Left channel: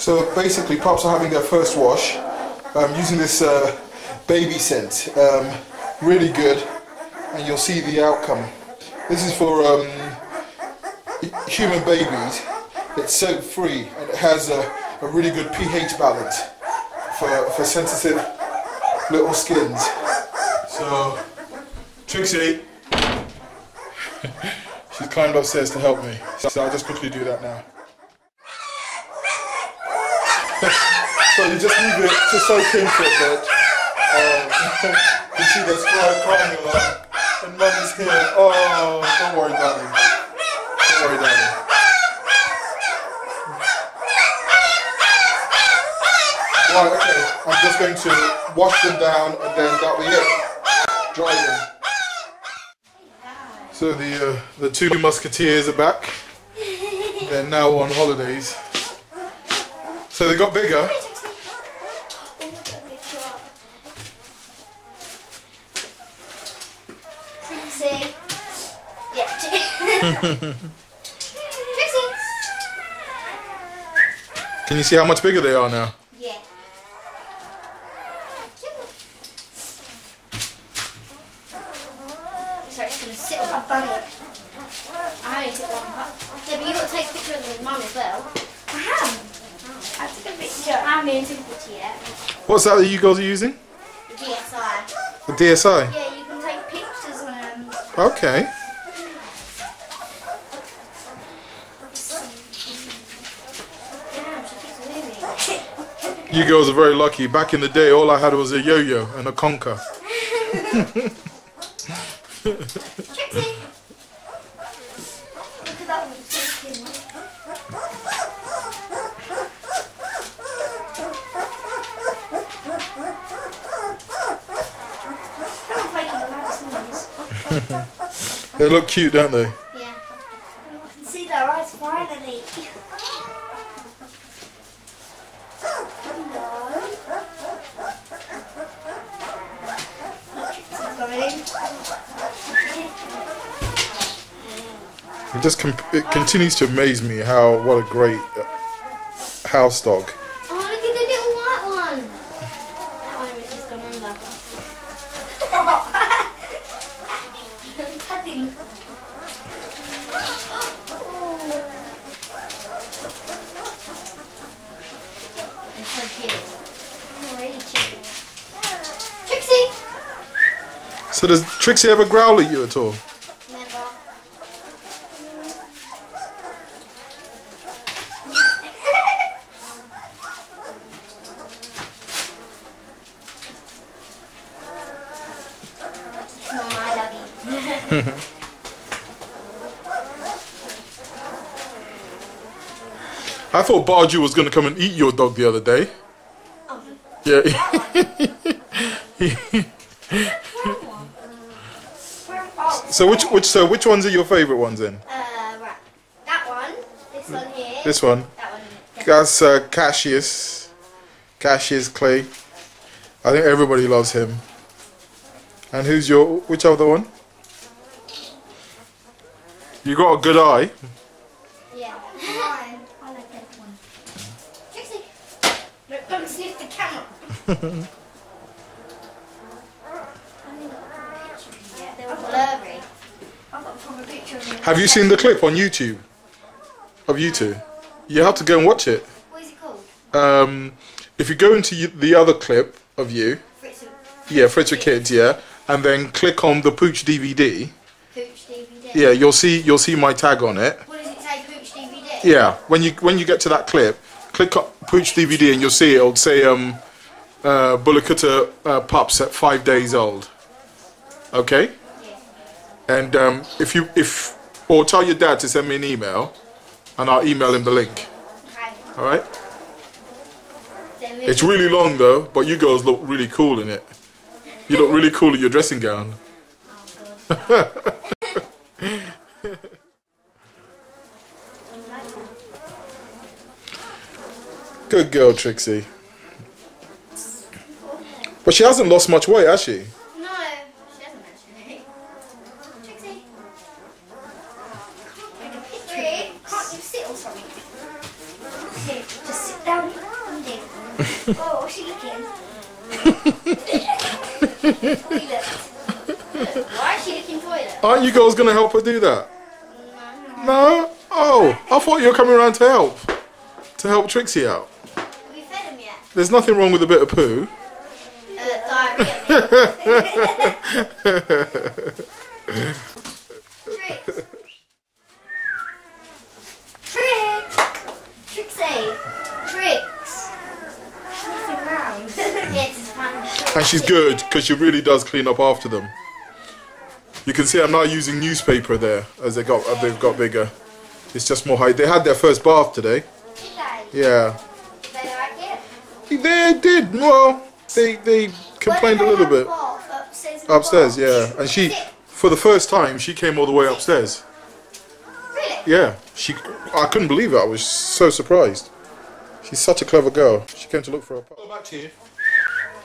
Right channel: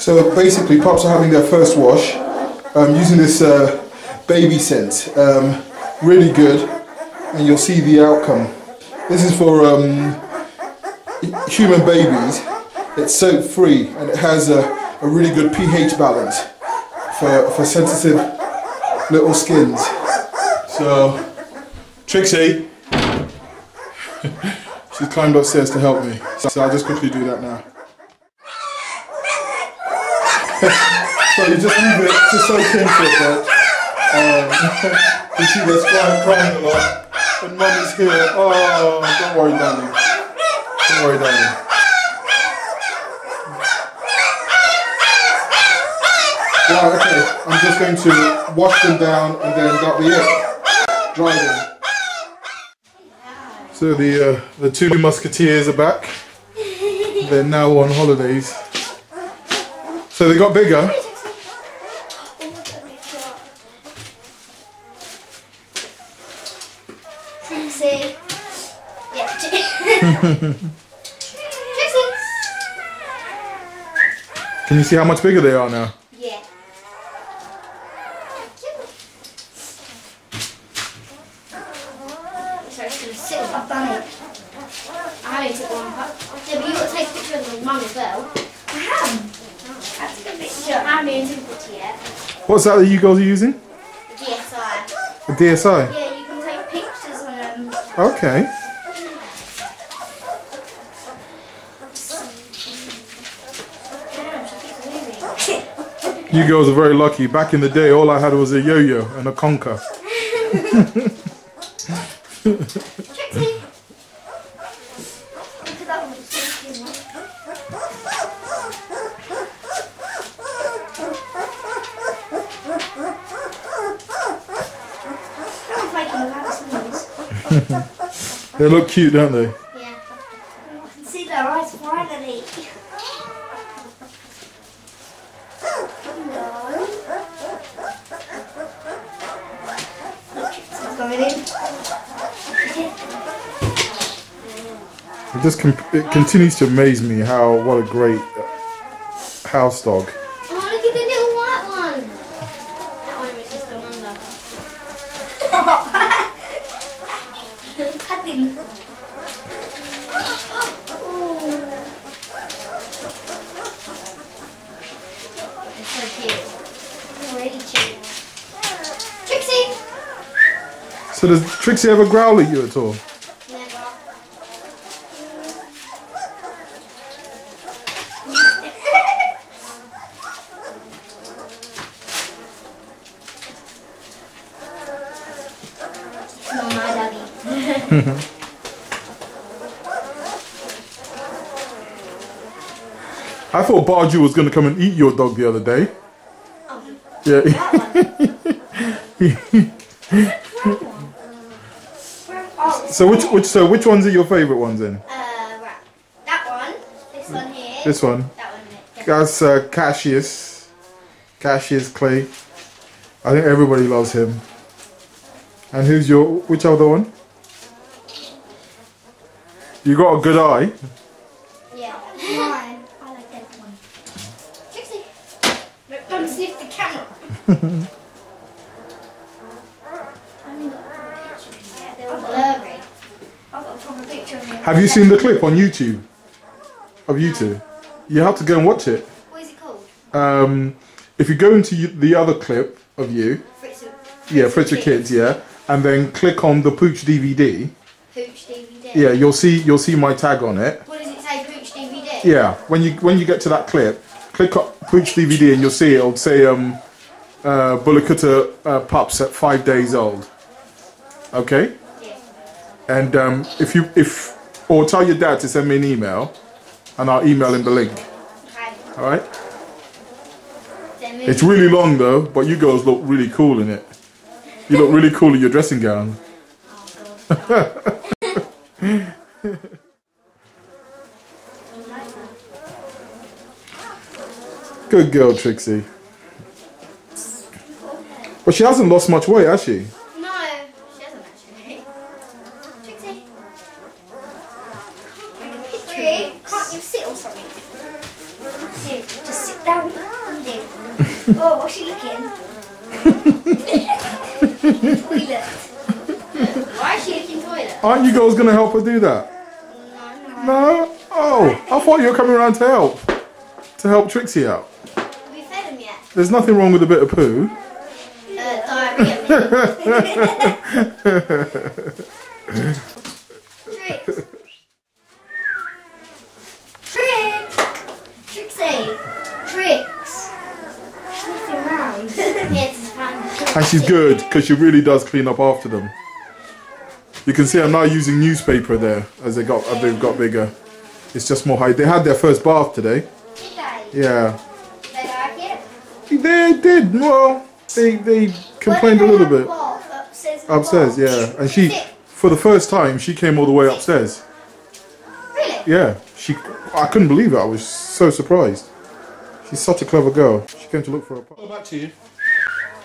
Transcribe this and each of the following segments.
So basically, pups are having their first wash. I'm using this baby scent. Really good, and you'll see the outcome. This is for human babies. It's soap free and it has a really good pH balance for sensitive little skins. So Trixie, she's climbed upstairs to help me. So I'll just quickly do that now. So you just leave it to soak in for a bit. You see this crying a lot. And Mum is here. Oh, don't worry, darling. Don't worry, darling. Right, okay. I'm just going to wash them down and then that'll be it. Dry them. So the two musketeers are back. They're now on holidays. So they got bigger. Trixie. Yeah. Trixie. Can you see how much bigger they are now? Yeah. Sorry, it's going to sit on my bunny. I only took one pup. Yeah, but you've got to take a picture of the mum as well. I have. I took a picture. I haven't took a picture yet. What's that you guys are using? The DSI. A DSI? Yeah, you can take pictures on them. Okay. Damn, she keeps moving. You girls are very lucky. Back in the day, all I had was a yo-yo and a conker. Trixie! Look at that one. They look cute, don't they? Yeah. I can see their eyes finally. It continues to amaze me what a great house dog. Oh, look at the little white one. That one was just gone under. Padding. It's so cute. Really cute. Trixie! So does Trixie ever growl at you at all? Never. Not my doggy. I thought Barju was going to come and eat your dog the other day. Oh, Yeah. that one. So which ones are your favourite ones then? Right. That one, this one here. This one. That one, isn't it? That's Cassius. Cassius Clay. I think everybody loves him. And which other one? You got a good eye. Yeah. Mine. I like that one. Trixie, don't sniff the camera. I haven't got a proper picture of them yet. They're all blurry. I've got a proper picture of them. Have you seen the clip on YouTube? Of you two? You have to go and watch it. What is it called? If you go into the other clip of you, Fritz Fritz with Kids, yeah, and then click on the Pooch DVD. Pooch DVD. Yeah, you'll see my tag on it. What does it say? Pooch DVD. Yeah, when you get to that clip, click on Pooch DVD and you'll see it'll say Kutta Pups at 5 days old. Okay. Yeah. And or tell your dad to send me an email, and I'll email him the link. Okay. All right. It's really long though, but you girls look really cool in it. You look really cool in your dressing gown. Oh God. Good girl, Trixie. But she hasn't lost much weight, has she? No, she hasn't actually. Trixie. Can't you sit or something? Here, just sit there. down. Oh, what's she looking? Toilet. Why is she looking toilet? Aren't you girls going to help her do that? No? Oh, I thought you were coming around to help. To help Trixie out. Have we fed him yet? There's nothing wrong with a bit of poo. Diarrhea, Tricks. Trixie. Tricks. Nothing around. Yeah, it's fun. And she's good, because she really does clean up after them. You can see I'm now using newspaper there, as they've got bigger. It's just more height. They had their first bath today. Did they? Yeah. They like it? They did. Well, they complained a little bit. Upstairs, yeah. And she, for the first time, she came all the way upstairs. Really? Yeah. I couldn't believe it. I was so surprised. She's such a clever girl. She came to look for a pup. Go back to you.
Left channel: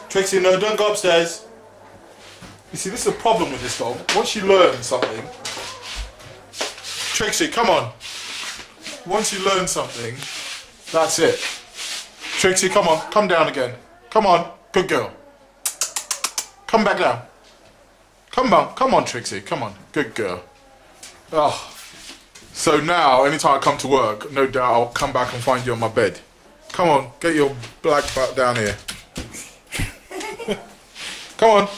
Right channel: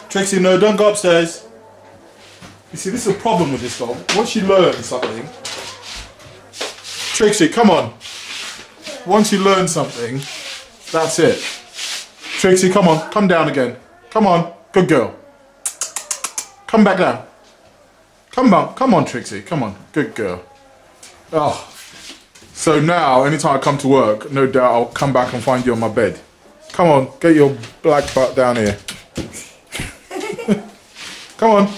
Trixie, no, don't go upstairs. You see, this is a problem with this dog. Once you learn something... Trixie, come on. Once you learn something, that's it. Trixie, come on. Come down again. Come on. Good girl. Come back down. Come on, Trixie. Come on. Good girl. Oh. So now, anytime I come to work, no doubt I'll come back and find you on my bed. Come on, get your black butt down here. Come on.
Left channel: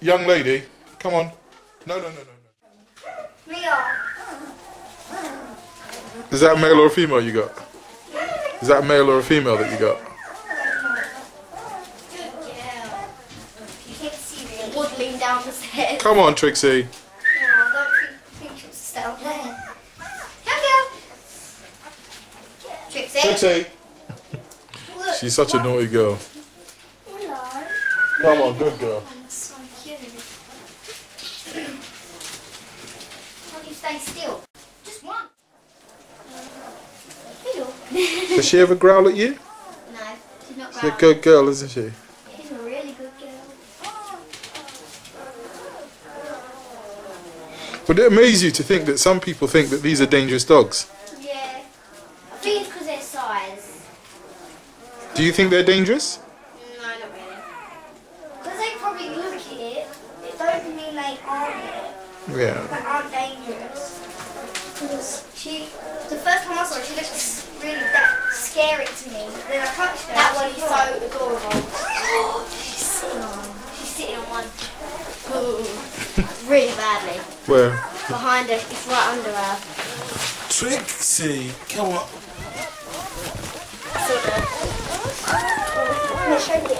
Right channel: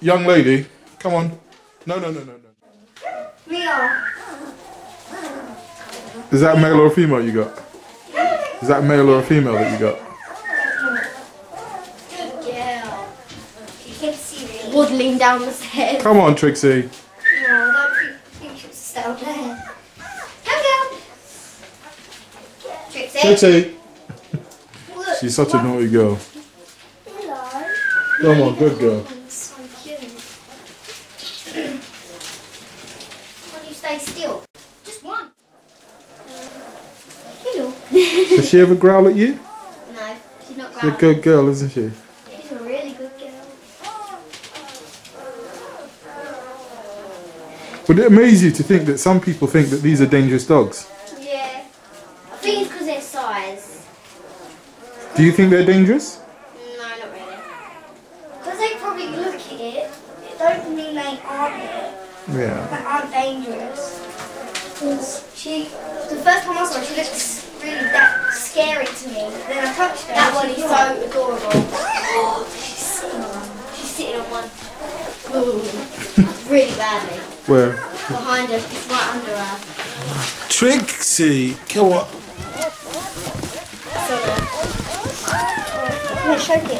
Young lady, come on. No. Mia. Is that a male or a female you got? Is that a male or a female that you got? Good girl. You can see me waddling down the stairs. Come on, Trixie. No, I don't think she was down there. Come down. Trixie. Trixie. Look, She's such a naughty girl. Hello. Come on, good girl. So cute. Why do you stay still? Just one. Hello. Does she ever growl at you? No, she's not She's a growling. good girl, isn't she? She's a really good girl. Would it amaze you to think that some people think that these are dangerous dogs? Yeah. I think it's because their size. Do you think they're dangerous? No, not really. Because they probably look at it, it don't mean they aren't it. Yeah. But aren't dangerous. Because the first time I saw her, she looked really that scary to me. Then I touched her. That one is so adorable. Oh, she's sitting on one. Ooh, really badly. Where? Behind her, it's right under her. Trixie, come on. Let me show you.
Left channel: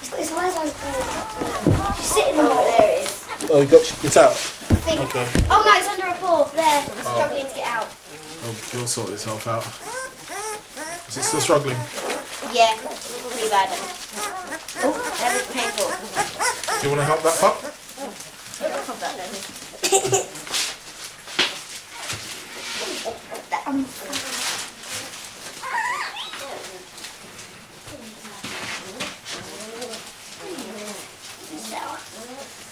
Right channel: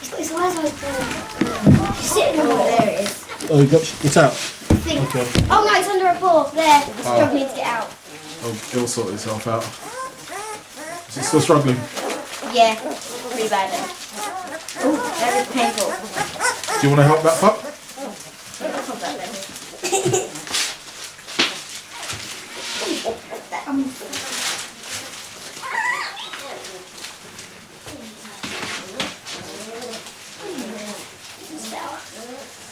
He's got his eyes open. He's sitting on there. There it is. Oh, it's out. Okay. Oh no, it's under a paw. There. It's struggling to get out. Oh, he'll sort itself out. Is he still struggling? Yeah, pretty bad. Oh, that is painful. Do you want to help that pup?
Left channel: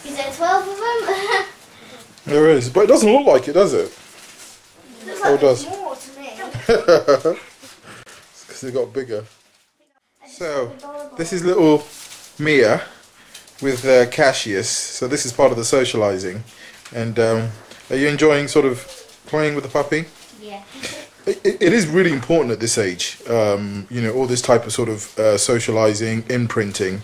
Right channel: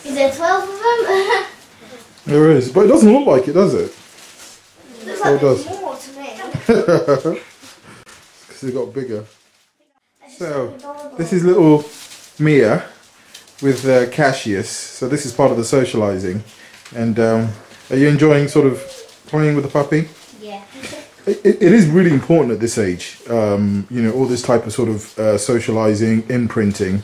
Is there 12 of them? There is, but it doesn't look like it, does it? Looks like there's more to me. Because they got bigger. So, this is little Mia with Cassius. So this is part of the socialising. And are you enjoying sort of playing with the puppy? Yeah. It is really important at this age, you know, all this type of sort of socialising, imprinting.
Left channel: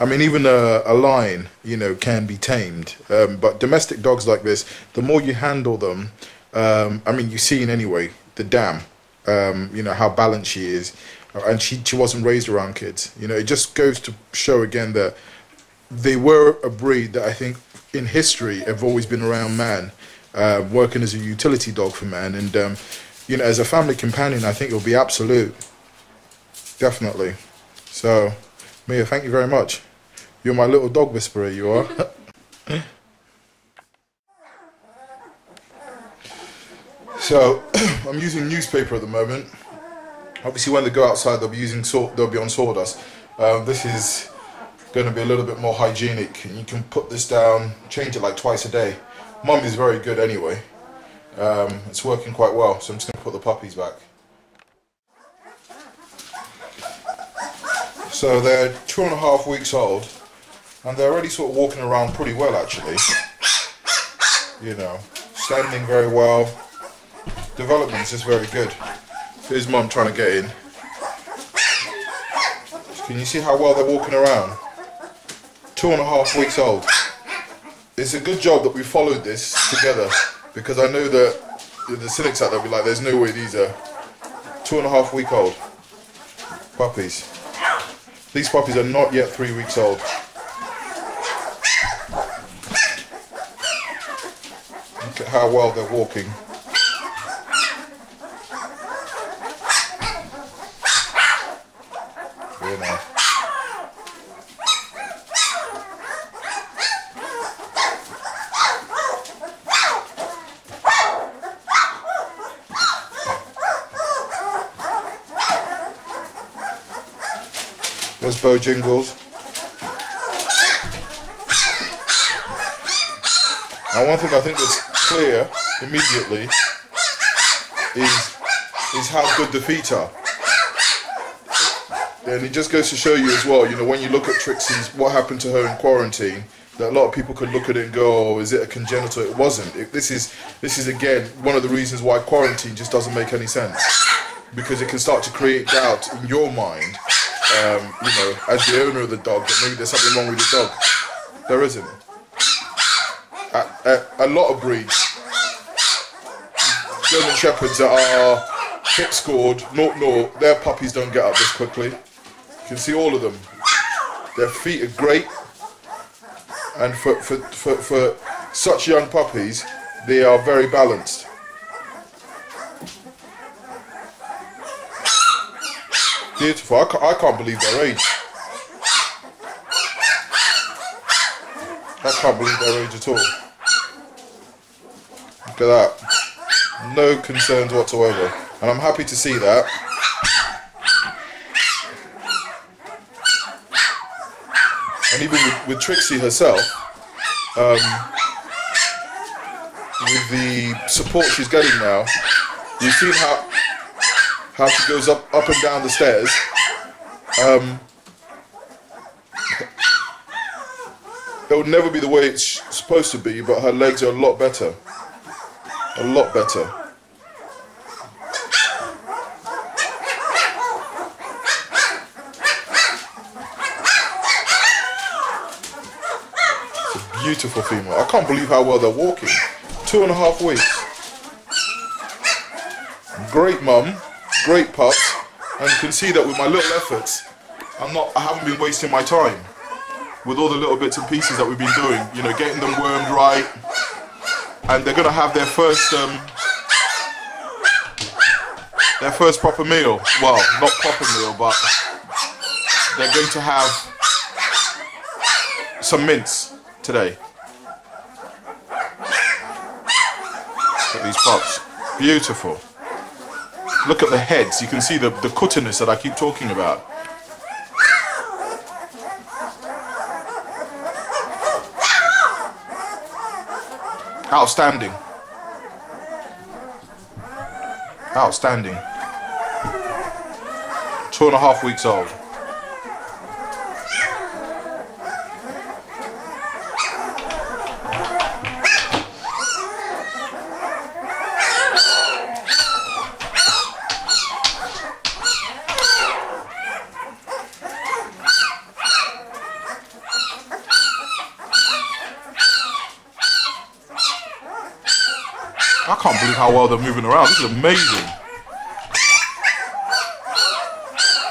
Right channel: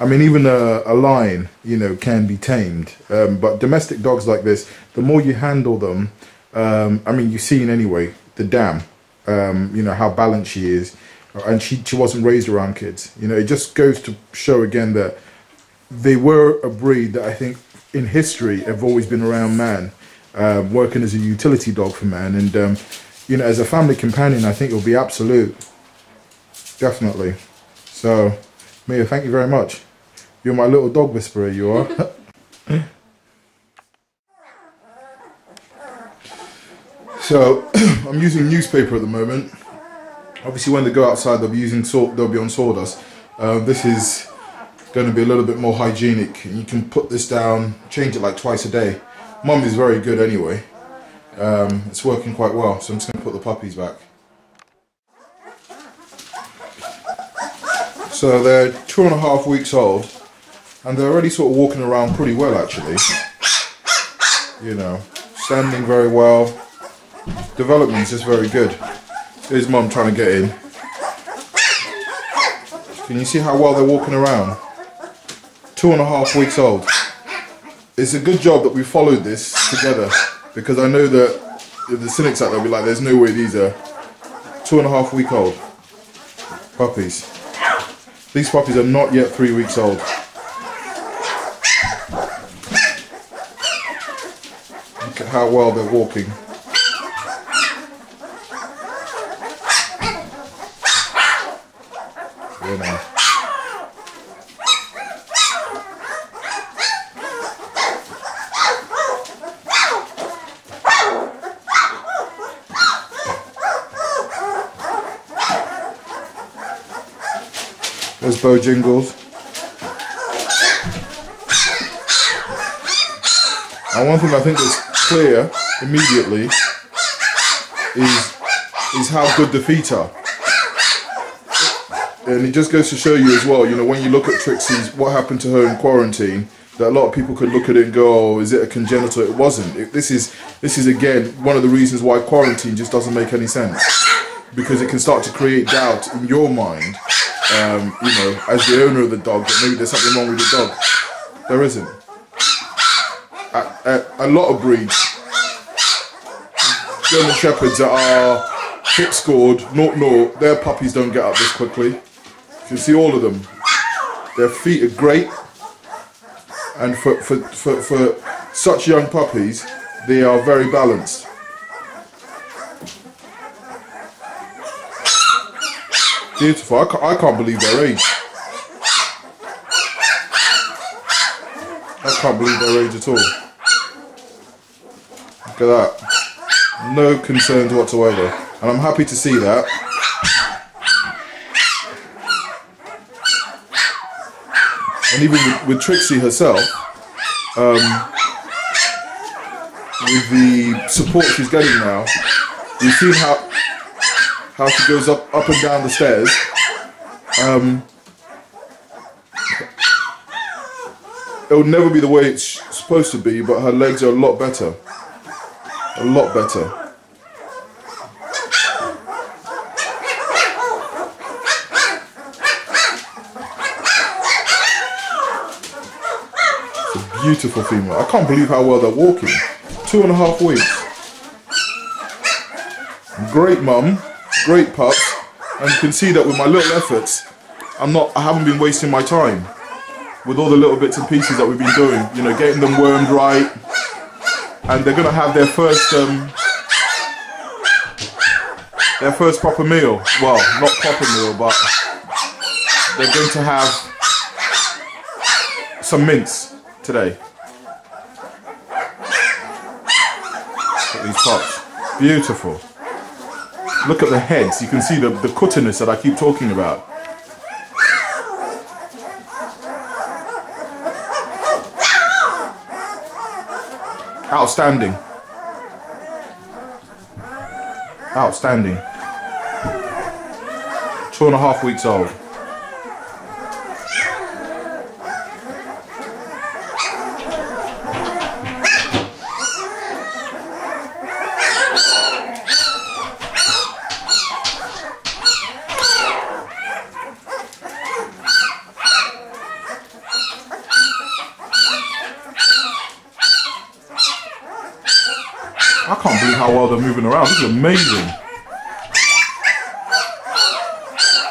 I mean, even a lion, you know, can be tamed. But domestic dogs like this, the more you handle them, I mean, you've seen anyway, the dam, you know, how balanced she is. And she wasn't raised around kids. You know, it just goes to show again that they were a breed that I think in history have always been around man, working as a utility dog for man. And, you know, as a family companion, I think it'll be absolute. Definitely. So, Mia, thank you very much. You're my little dog whisperer, you are. So, I'm using newspaper at the moment. Obviously, when they go outside, they'll be using they'll be on sawdust. This is going to be a little bit more hygienic. You can put this down, change it like twice a day. Mum is very good anyway, It's working quite well, so I'm just going to put the puppies back. So they're 2.5 weeks old, and they're already sort of walking around pretty well actually. You know, standing very well. Development's just very good. Here's Mum trying to get in. Can you see how well they're walking around? 2.5 weeks old. It's a good job that we followed this together, because I know that the cynics out there will be like, there's no way these are 2.5 week old puppies. These puppies are not yet 3 weeks old. Look at how well they're walking. Yeah. There's Bojingles. And one thing I think is clear immediately is how good the feet are. And it just goes to show you as well, you know, when you look at Trixie's, what happened to her in quarantine, that a lot of people could look at it and go, oh, is it a congenital? It wasn't. This is again one of the reasons why quarantine just doesn't make any sense, because it can start to create doubt in your mind. You know, as the owner of the dog, that maybe there's something wrong with the dog. There isn't. A lot of breeds, German Shepherds that are hip scored, 0-0, their puppies don't get up this quickly. You can see all of them. Their feet are great, and for such young puppies, they are very balanced. Beautiful. I can't believe their age. I can't believe their age at all. Look at that. No concerns whatsoever. And I'm happy to see that. And even with Trixie herself, with the support she's getting now, you see how she goes up and down the stairs. It'll never be the way it's supposed to be, but her legs are a lot better. A lot better. Beautiful female. I can't believe how well they're walking. 2.5 weeks. Great mum. Great pup, and you can see that with my little efforts, I haven't been wasting my time with all the little bits and pieces that we've been doing, you know, getting them wormed right, and they're gonna have their first proper meal. Well, not proper meal, but they're going to have some mince today. Look at these pups, beautiful. Look at the heads, you can see the cuttiness that I keep talking about. Outstanding. Outstanding. 2.5 weeks old. I can't believe how well they're moving around. This is amazing.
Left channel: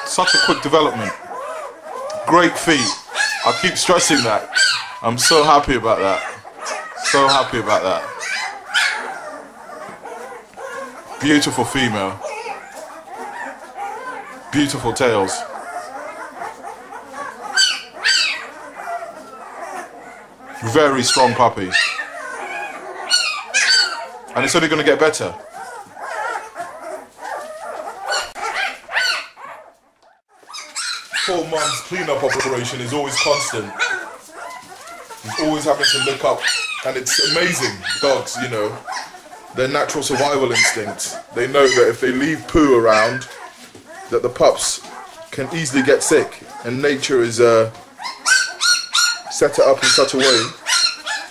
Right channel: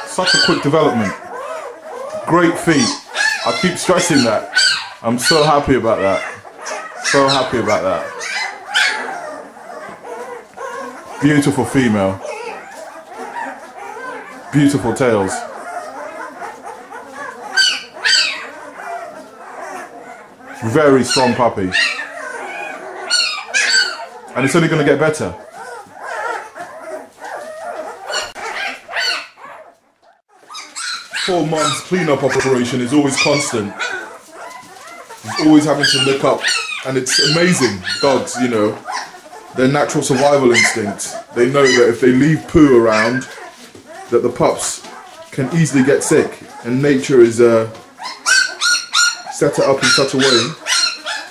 Such a quick development. Great feet. I keep stressing that. I'm so happy about that. So happy about that. Beautiful female. Beautiful tails. Very strong puppy. And it's only going to get better. Four months clean-up operation is always constant. He's always having to look up, and it's amazing. Dogs, you know, their natural survival instincts. They know that if they leave poo around, that the pups can easily get sick, and nature is set it up in such a way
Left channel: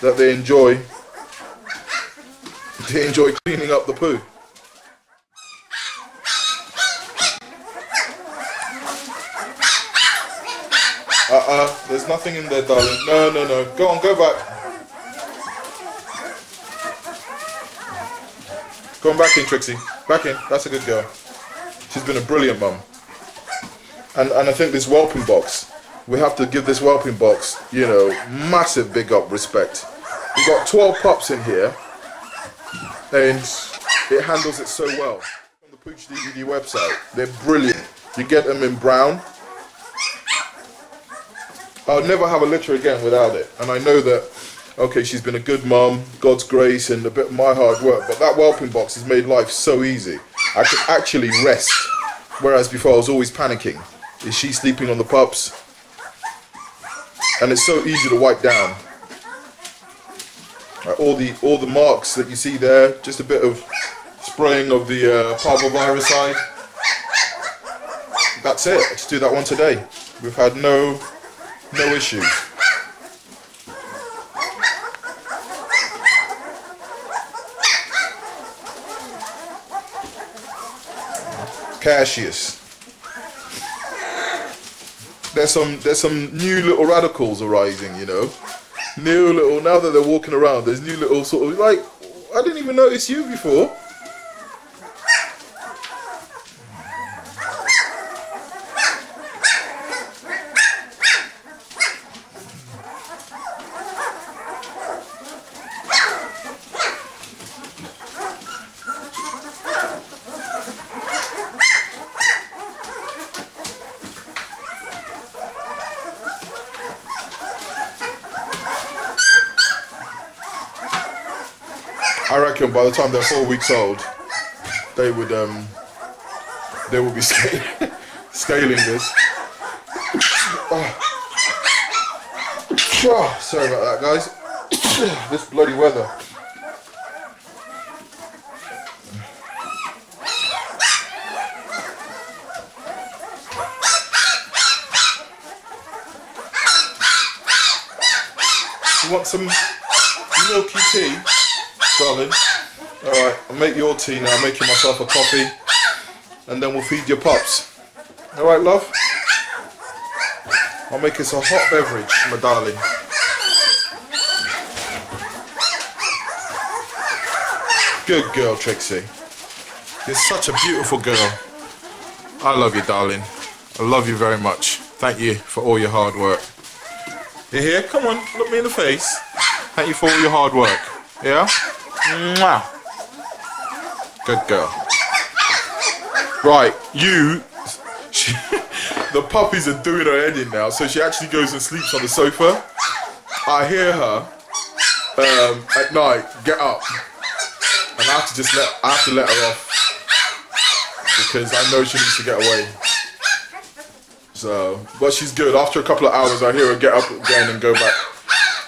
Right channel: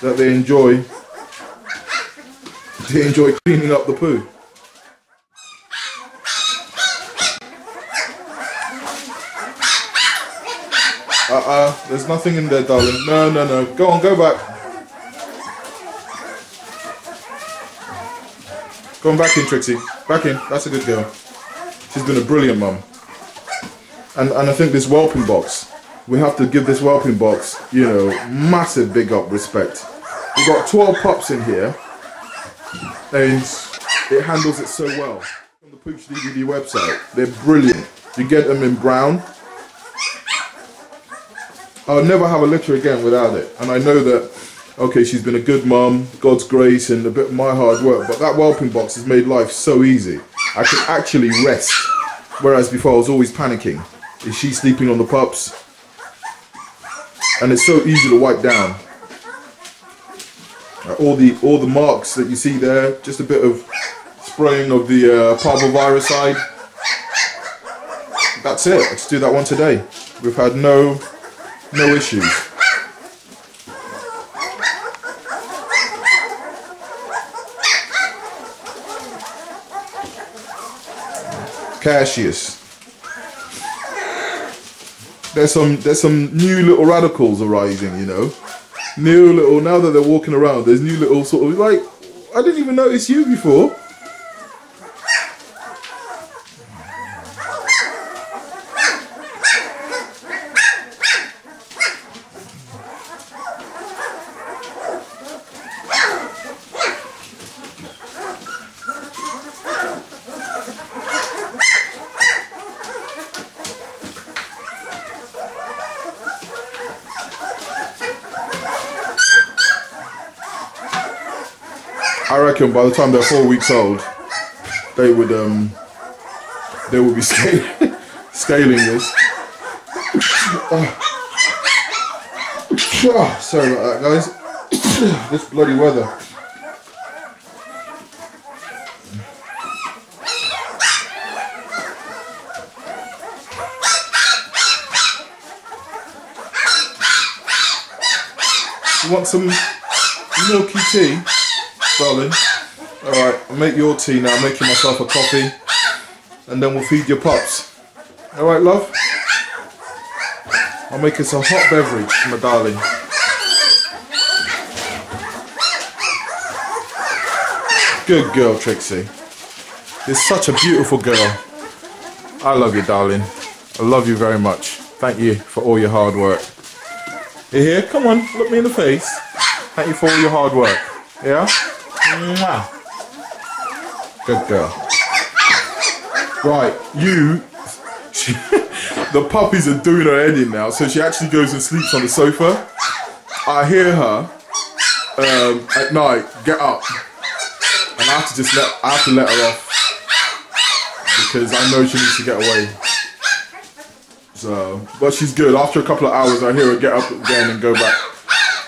that they enjoy cleaning up the poo. There's nothing in there, darling. No, no, no. Go on, go back. Go on, back in, Trixie. Back in. That's a good girl. She's been a brilliant mum. And I think this whelping box, we have to give this whelping box, you know, massive big up respect. We've got 12 pups in here, and it handles it so well. On the Pooch DVD website, they're brilliant. You get them in brown. I'll never have a litter again without it. And I know that, okay, she's been a good mum, God's grace and a bit of my hard work, but that whelping box has made life so easy. I can actually rest, whereas before I was always panicking. Is she sleeping on the pups? And it's so easy to wipe down. All the marks that you see there, just a bit of spraying of the parvoviricide. That's it. Let's do that once a day. We've had no issues. Cassius. There's some new little radicals arising, you know. New little, now that they're walking around, there's new little sort of, like, I didn't even notice you before. I reckon by the time they're 4 weeks old, they will be scaling this. Sorry about that, guys. This bloody weather. You want some milky tea? Darling, alright, I'll make your tea now, I'm making myself a coffee, and then we'll feed your pups. Alright, love? I'll make us a hot beverage, my darling. Good girl, Trixie. You're such a beautiful girl. I love you, darling. I love you very much. Thank you for all your hard work. You here? Come on, look me in the face. Thank you for all your hard work. Yeah? Mwah. Good girl. Right, the puppies are doing her head in now, so she actually goes and sleeps on the sofa. I hear her at night get up, and I have to let her off because I know she needs to get away. So, but she's good. After a couple of hours, I hear her get up again and go back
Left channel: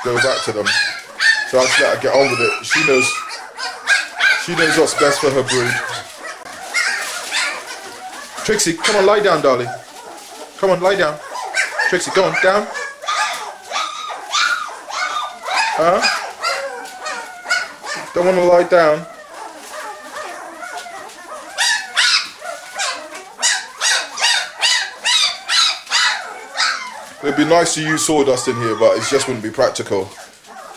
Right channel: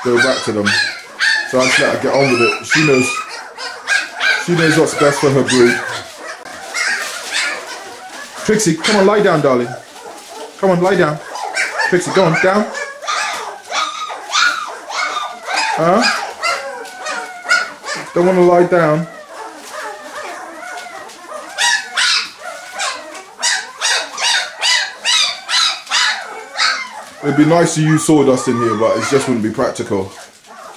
to them. So I just let her get on with it. She knows what's best for her breed. Trixie, come on, lie down, darling. Come on, lie down. Trixie, go on, down. Don't want to lie down. It'd be nice to use sawdust in here, but it just wouldn't be practical.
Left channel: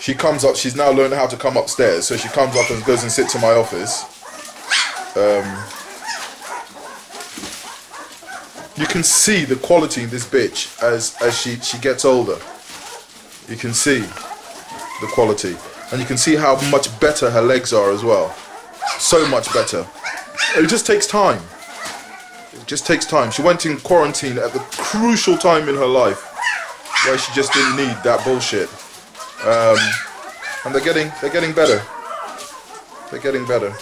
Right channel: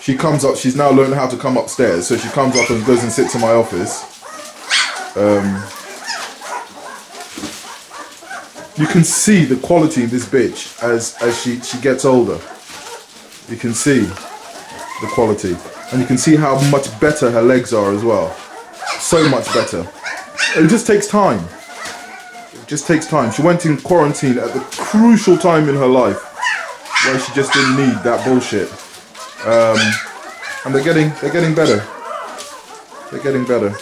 She comes up, she's now learned how to come upstairs, so she comes up and goes and sits in my office. You can see the quality of this bitch as she gets older. You can see the quality. And you can see how much better her legs are as well. So much better. It just takes time. It just takes time. She went in quarantine at the crucial time in her life where she just didn't need that bullshit. And they're getting better. They're getting better.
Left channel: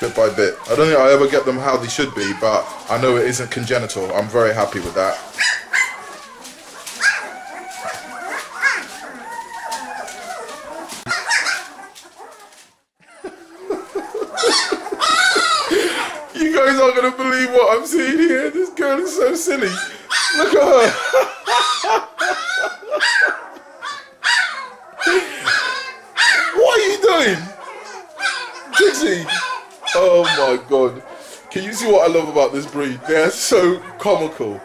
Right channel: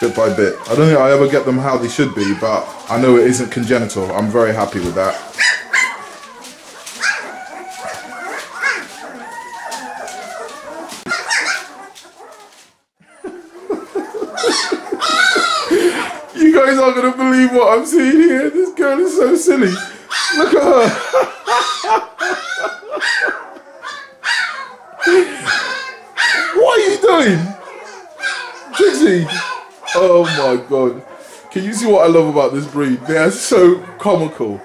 Bit by bit. I don't think I'll ever get them how they should be, but I know it isn't congenital. I'm very happy with that. what I'm seeing here? This girl is so silly. Look at her. What are you doing? Trixie? Oh my God. Can you see what I love about this breed? They are so comical.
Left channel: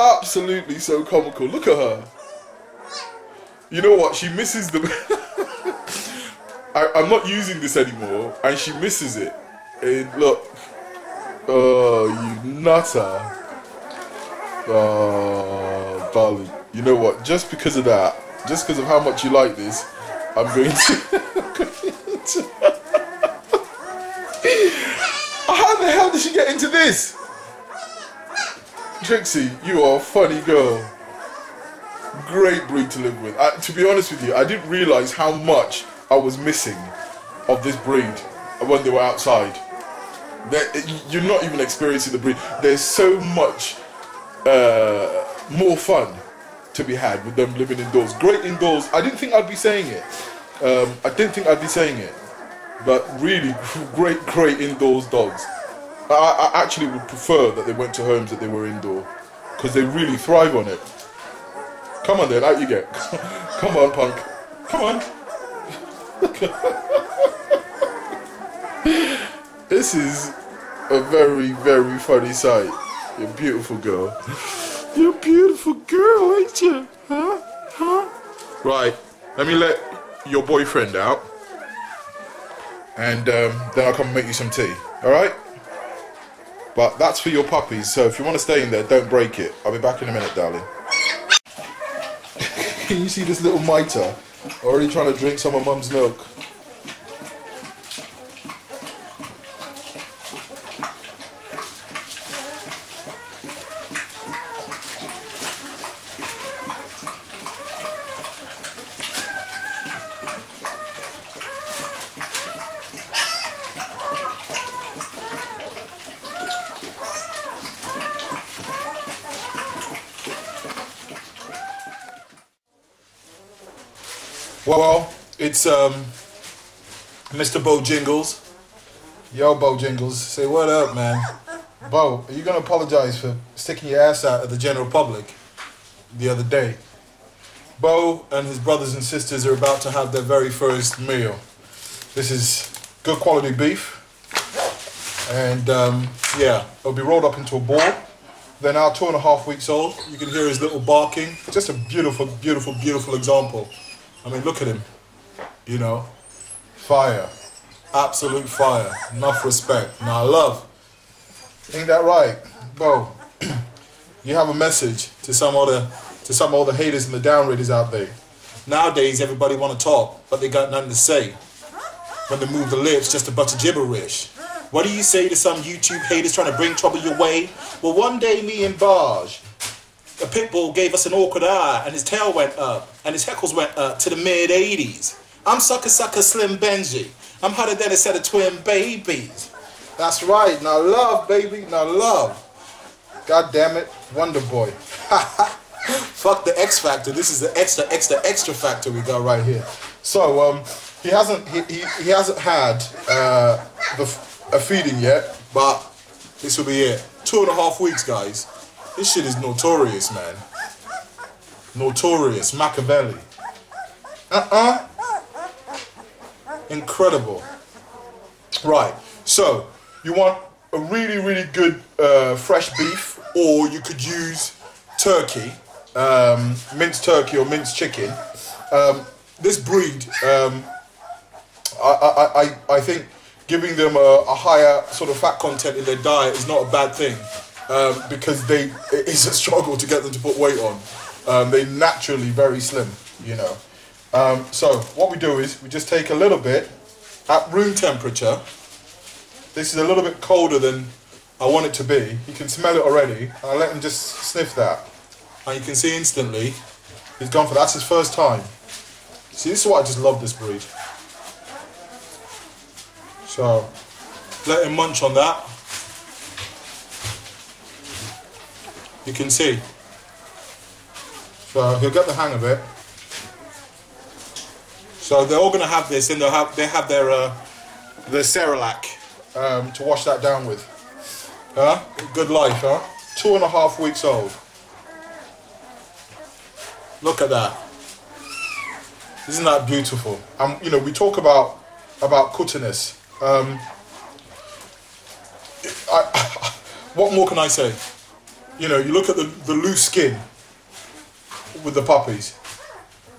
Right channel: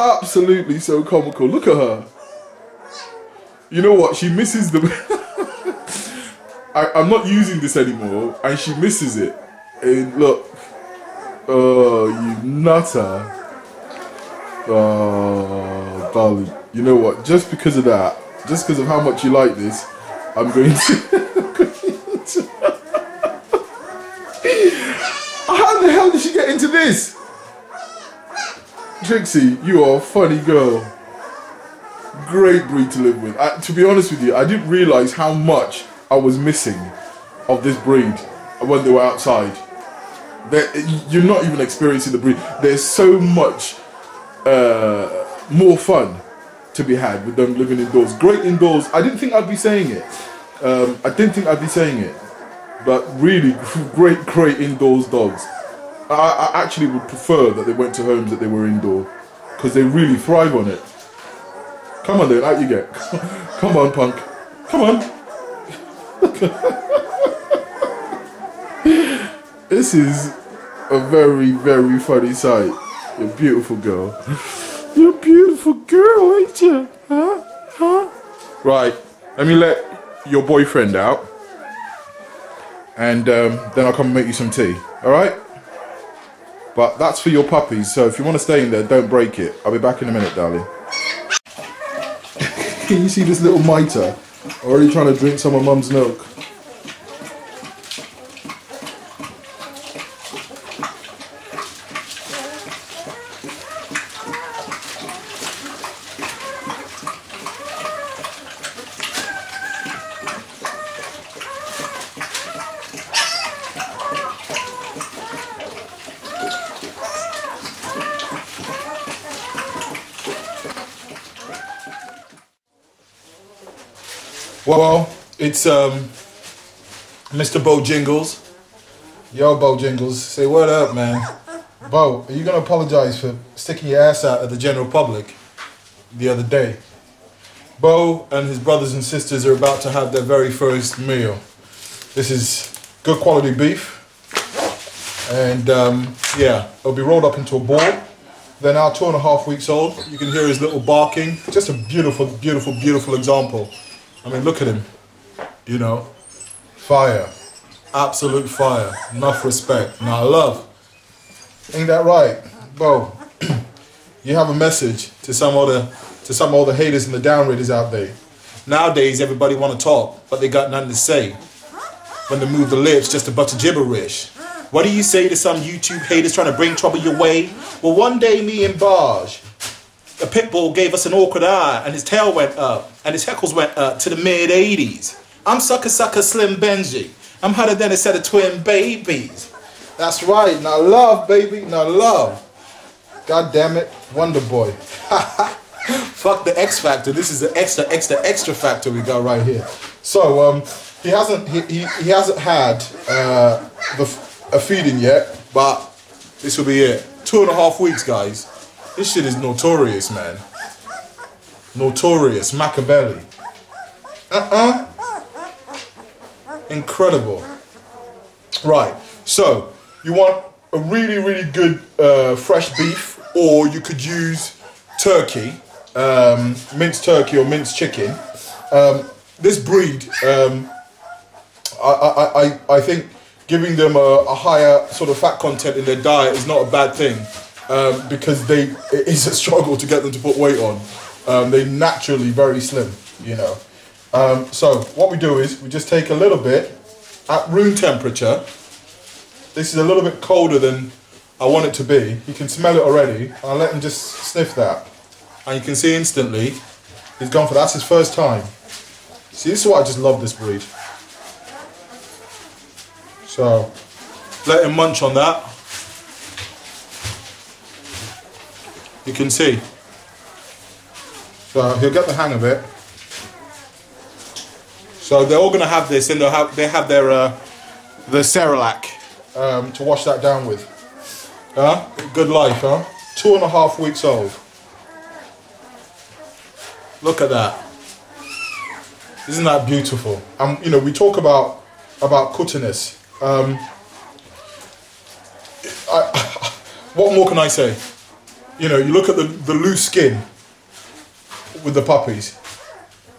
Absolutely so comical. Look at her. You know what? She misses them. I'm not using this anymore, and she misses it. And look. Oh, you nutter. Oh, darling. You know what? Just because of that, just because of how much you like this, I'm going to... How the hell did she get into this? Trixie, you are a funny girl. Great breed to live with. To be honest with you, I didn't realise how much I was missing of this breed when they were outside. You're not even experiencing the breed. There's so much more fun to be had with them living indoors. Great indoors. I didn't think I'd be saying it. But really great indoors dogs. I actually would prefer that they went to homes that they were indoor, because they really thrive on it. Come on then, out you get. Come on, punk. Come on. This is a very, very funny sight. You're a beautiful girl. You're a beautiful girl, ain't you? Huh? Right, let me let your boyfriend out. And then I'll come and make you some tea, alright? But that's for your puppies, so if you want to stay in there, don't break it. I'll be back in a minute, darling. Can you see this little miter? Already trying to drink some of Mum's milk. Well, it's Mr. Bo Jingles. Yo, Bo Jingles, say what up, man. Bo, are you gonna apologize for sticking your ass out at the general public the other day? Bo and his brothers and sisters are about to have their very first meal. This is good quality beef, and yeah, it'll be rolled up into a ball. They're now 2.5 weeks old. You can hear his little barking. Just a beautiful, beautiful, beautiful example. I mean, look at him, you know, fire, absolute fire, enough respect. Now, love, ain't that right? Bo, you have a message to some of the haters and the downriggers out there. Nowadays, everybody want to talk, but they got nothing to say. When they move the lips, just a bunch of gibberish. What do you say to some YouTube haters trying to bring trouble your way? Well, one day, me and Barge, a pit bull gave us an awkward eye, and his tail went up, and his heckles went up to the mid-80s. I'm sucker Slim Benji. I'm hotter than a set of twin babies. That's right. Now love, baby. Now love. God damn it, Wonder Boy. Fuck the X Factor. This is the extra factor we got right here. So he hasn't had a feeding yet, but this will be it. 2.5 weeks, guys. This shit is notorious, man. Notorious. Machiavelli. Incredible. Right. So, you want a really, really good fresh beef, or you could use turkey, minced turkey or minced chicken. This breed, I think giving them a higher sort of fat content in their diet is not a bad thing. Because it is a struggle to get them to put weight on. They're naturally very slim, you know. So what we do is we just take a little bit at room temperature. This is a little bit colder than I want it to be. You can smell it already. I'll let him just sniff that. And you can see instantly he's gone for that. That's his first time. See, this is why I just love this breed. So let him munch on that. You can see. So he'll get the hang of it. So they're all going to have this, and they have their Cerelac to wash that down with. Huh? Good life, huh? 2.5 weeks old. Look at that. Isn't that beautiful? You know, we talk about cuttiness. What more can I say? You know, you look at the loose skin with the puppies.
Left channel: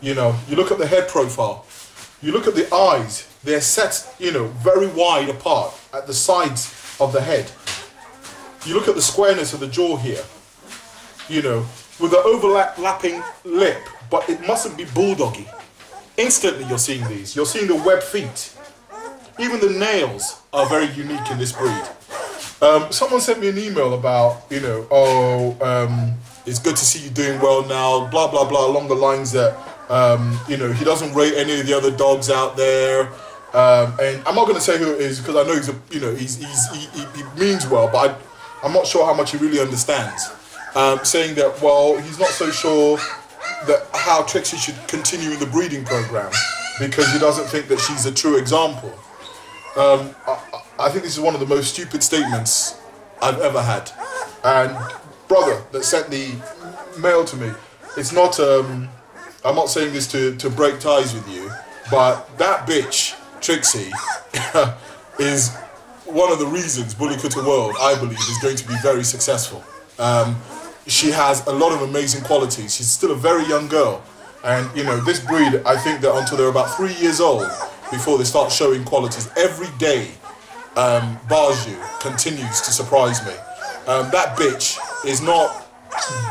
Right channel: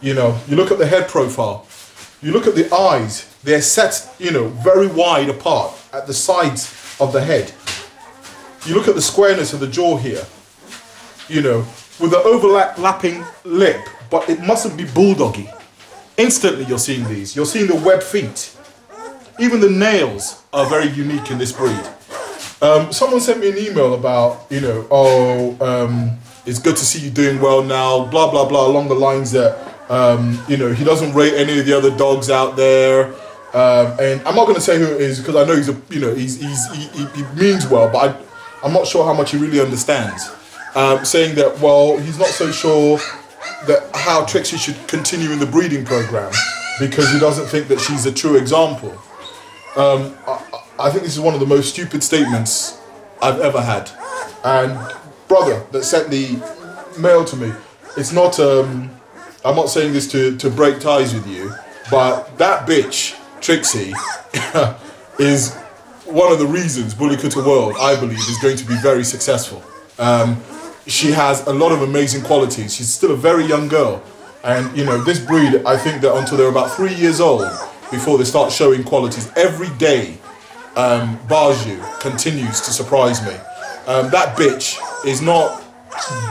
You know, you look at the head profile. You look at the eyes. They're set, you know, very wide apart at the sides of the head. You look at the squareness of the jaw here. You know, with the overlapping lip, but it mustn't be bulldoggy. Instantly you're seeing these. You're seeing the webbed feet. Even the nails are very unique in this breed. Someone sent me an email about, you know, it's good to see you doing well now, blah, blah, blah, along the lines that, you know, he doesn't rate any of the other dogs out there. And I'm not going to say who it is because I know he's you know, he means well, but I'm not sure how much he really understands. Saying that, well, he's not so sure that how Trixie should continue in the breeding program because he doesn't think that she's a true example. I think this is one of the most stupid statements I've ever had. And brother that sent the mail to me, it's not, I'm not saying this to break ties with you, but that bitch, Trixie, is one of the reasons Bully Kutta World, I believe, is going to be very successful. She has a lot of amazing qualities. She's still a very young girl. And, you know, this breed, I think that until they're about 3 years old, before they start showing qualities, every day, Baju continues to surprise me. That bitch is not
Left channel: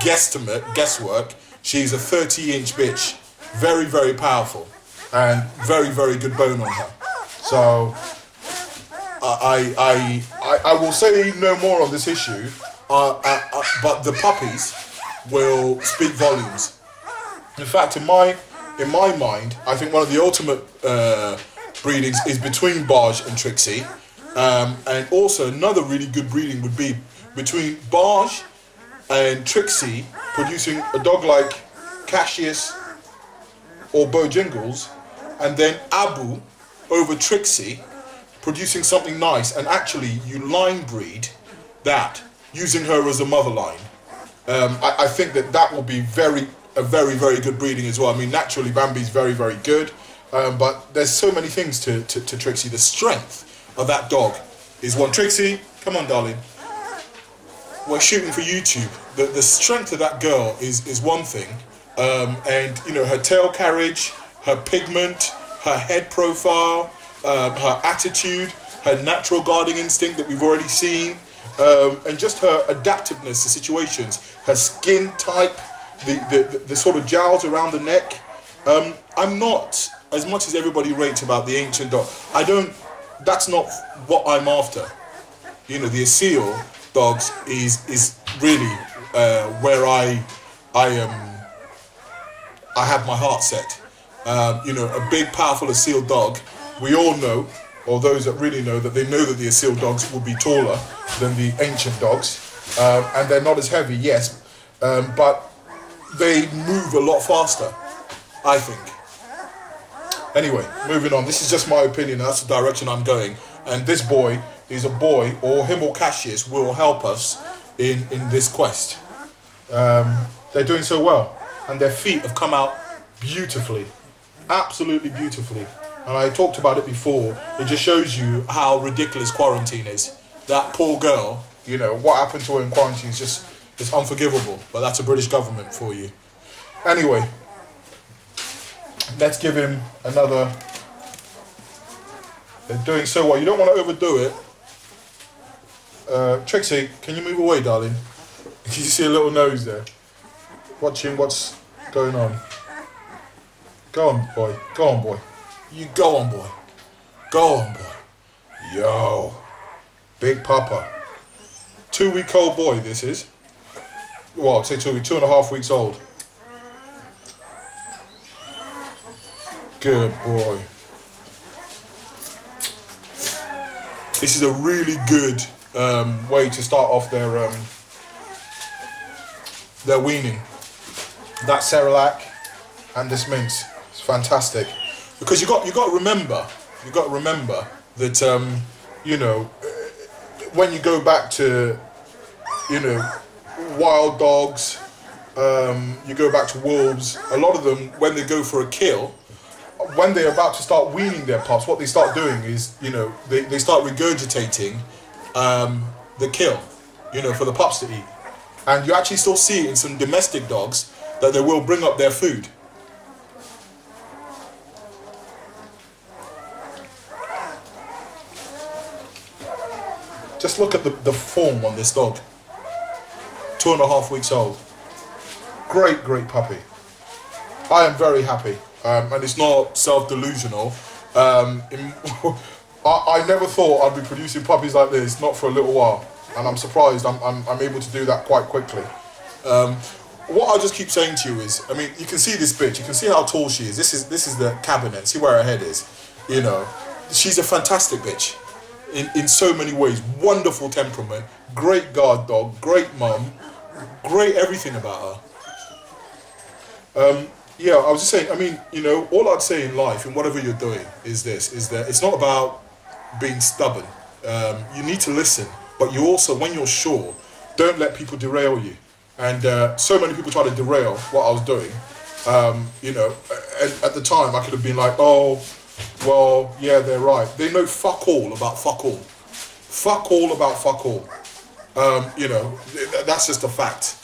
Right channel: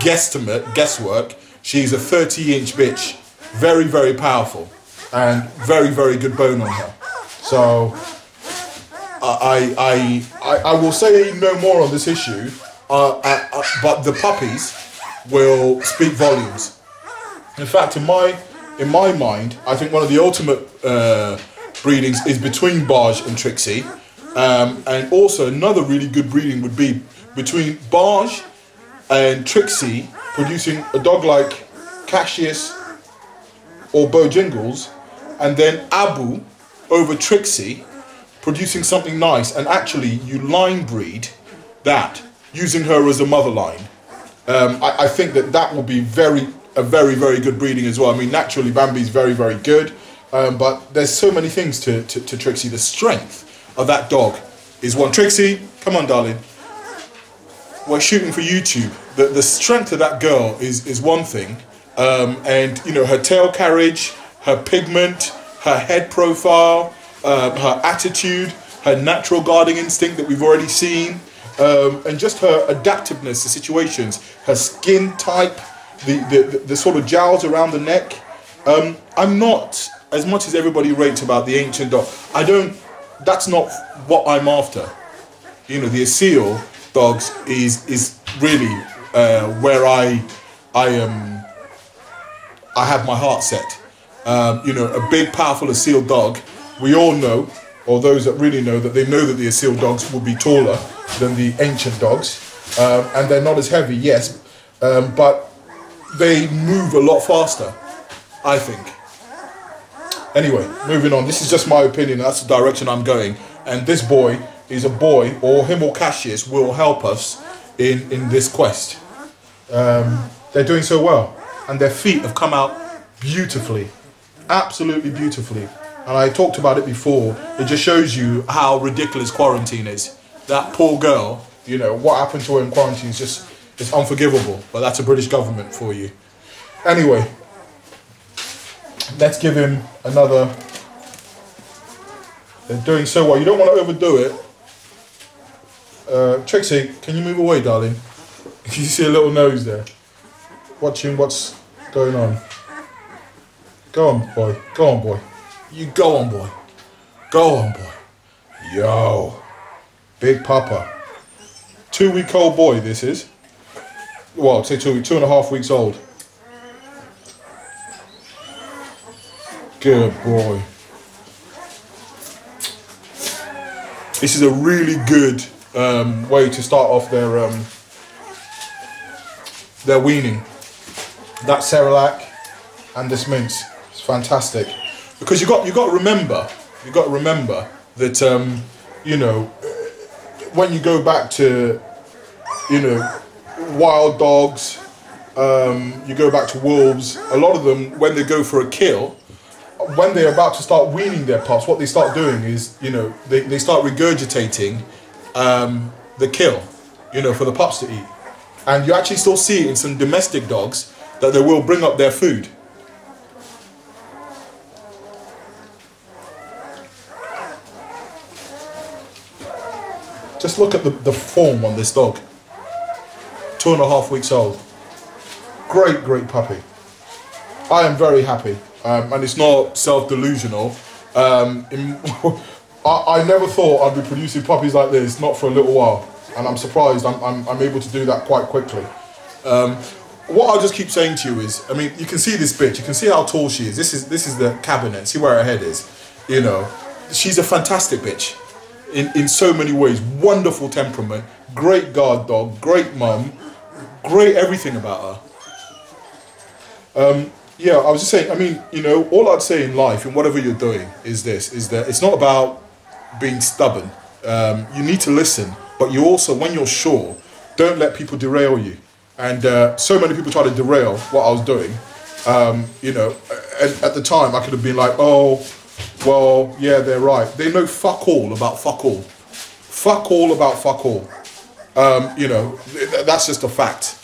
guesswork. She's a 30-inch bitch. Very, very powerful. And very, very good bone on her. So, I will say no more on this issue. But the puppies will speak volumes. In fact, in my mind, I think one of the ultimate breedings is between Barge and Trixie. And also another really good breeding would be between Barge and Trixie, producing a dog like Cassius or Bojangles, and then Abu over Trixie, producing something nice. And actually, you line breed that, using her as a mother line. I think that will be a very, very good breeding as well. I mean, naturally, Bambi's very, very good, but there's so many things to Trixie. The strength of that dog is one. Trixie, come on, darling. We're shooting for YouTube. The strength of that girl is one thing, and you know, her tail carriage, her pigment, her head profile, her attitude, her natural guarding instinct that we've already seen. And just her adaptiveness to situations, her skin type, the sort of jowls around the neck. I'm not, as much as everybody rates about the ancient dog, that's not what I'm after. You know, the Asil dogs is really where I have my heart set. You know, a big, powerful Asil dog, we all know, or those that really know, that they know that the Asil dogs will be taller than the ancient dogs, and they're not as heavy, yes, but they move a lot faster, I think. Anyway, moving on. This is just my opinion. That's the direction I'm going, and this boy is a boy, or him or Cassius will help us in this quest. They're doing so well, and their feet have come out beautifully, absolutely beautifully. And I talked about it before. It just shows you how ridiculous quarantine is. That poor girl, you know, what happened to her in quarantine is just, it's unforgivable. But that's a British government for you. Anyway, let's give him another. They're doing so well. You don't want to overdo it. Trixie, can you move away, darling? You see a little nose there. Watching what's going on. Go on, boy. Go on, boy. You go on, boy. Go on, boy. Yo. Big Papa. 2-week-old boy, this is. Well, I'd say 2.5 weeks old. Good boy. This is a really good way to start off their weaning. That Cerelac and this mince. It's fantastic. Because you got to remember that you know, when you go back to you know, wild dogs, you go back to wolves, a lot of them, when they go for a kill, when they're about to start weaning their pups, what they start doing is, you know, they start regurgitating the kill, you know, for the pups to eat. And you actually still see it in some domestic dogs that they will bring up their food. Just look at the form on this dog. 2.5 weeks old. Great, great puppy. I am very happy. And it's not self-delusional. I never thought I'd be producing puppies like this, not for a little while. And I'm surprised I'm able to do that quite quickly. What I'll just keep saying to you is, I mean, you can see this bitch. You can see how tall she is. This is the cabinet. See where her head is. You know, she's a fantastic bitch. In so many ways. Wonderful temperament, great guard dog, great mum, great everything about her. Yeah, I was just saying, I mean, you know, all I'd say in life, in whatever you're doing, is that it's not about being stubborn. You need to listen, but you also, when you're sure, don't let people derail you. And so many people try to derail what I was doing. You know, and at the time I could have been like, oh, well, yeah, they're right. They know fuck all about fuck all. Fuck all about fuck all. You know, that's just a fact.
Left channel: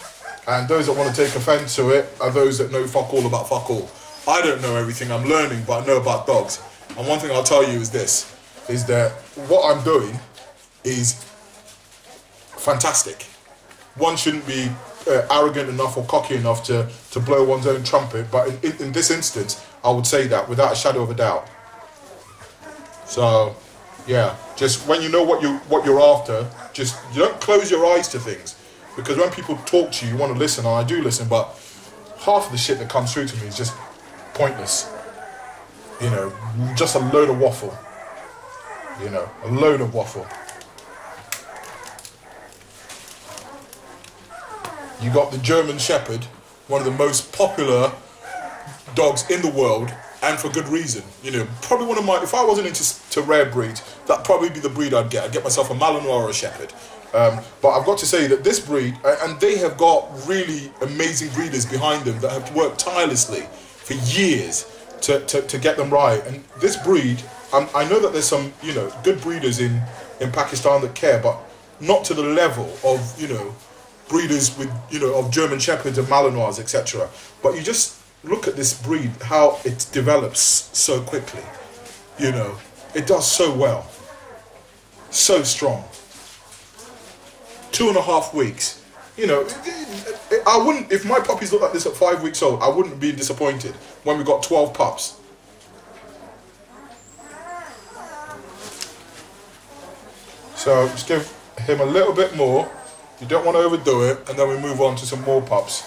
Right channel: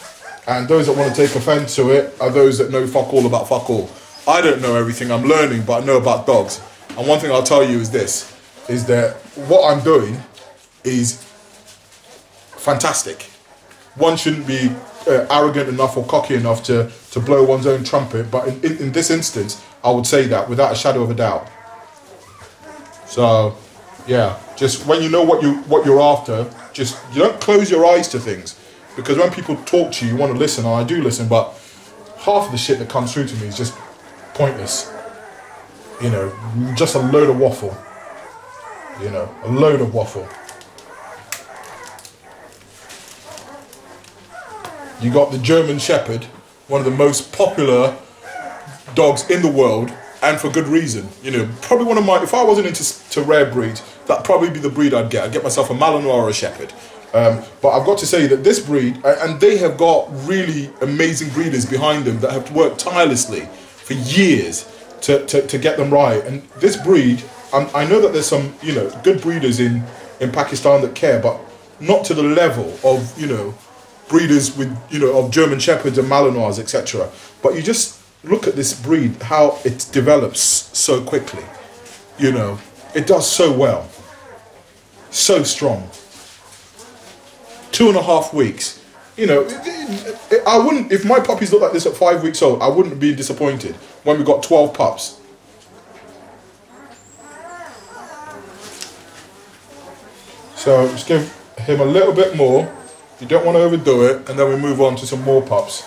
And those that want to take offense to it are those that know fuck all about fuck all. I don't know everything, I'm learning, but I know about dogs. And one thing I'll tell you is this, is that what I'm doing is fantastic. One shouldn't be arrogant enough or cocky enough to blow one's own trumpet, but in this instance, I would say that without a shadow of a doubt. So, yeah, just when you know what you're after, just you don't close your eyes to things, because when people talk to you, you want to listen, and I do listen, but half of the shit that comes through to me is just pointless. You know, just a load of waffle. You know, a load of waffle. You got the German Shepherd, one of the most popular dogs in the world, and for good reason. You know, probably one of my, if I wasn't into rare breeds, that'd probably be the breed I'd get. I'd get myself a Malinois or a Shepherd. But I've got to say that this breed, and they have got really amazing breeders behind them that have worked tirelessly for years to get them right. And this breed, I know that there's some, you know, good breeders in Pakistan that care, but not to the level of, you know, breeders with, you know, of German Shepherds and Malinois, etc. But you just look at this breed, how it develops so quickly. You know, it does so well. So strong. 2.5 weeks. You know, I wouldn't, if my puppies looked like this at 5 weeks old, I wouldn't be disappointed when we got 12 pups. So just give him a little bit more. You don't want to overdo it, and then we move on to some more pups.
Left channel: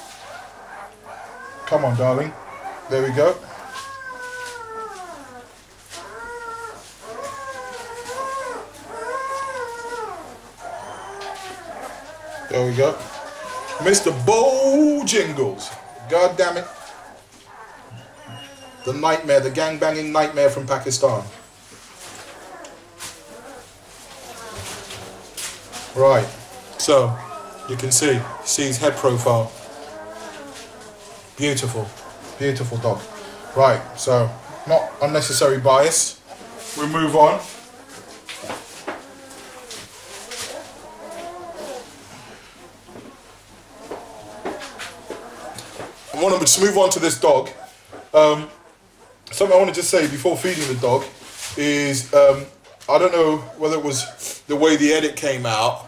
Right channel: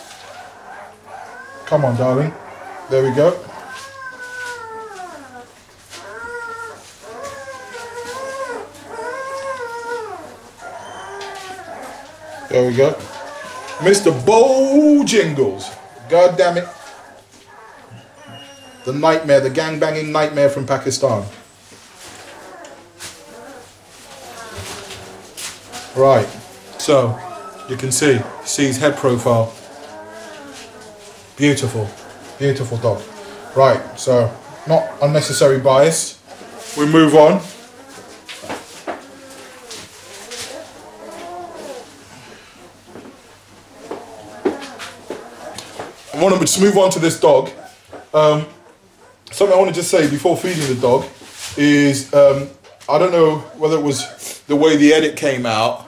Come on, darling. There we go. There we go. Mr. Bojingles. God damn it. The nightmare, the gang-banging nightmare from Pakistan. Right. So, you can see his head profile. Beautiful. Beautiful dog. Right, so, not unnecessary bias. We move on. I want to just move on to this dog. Something I want to just say before feeding the dog is, I don't know whether it was the way the edit came out.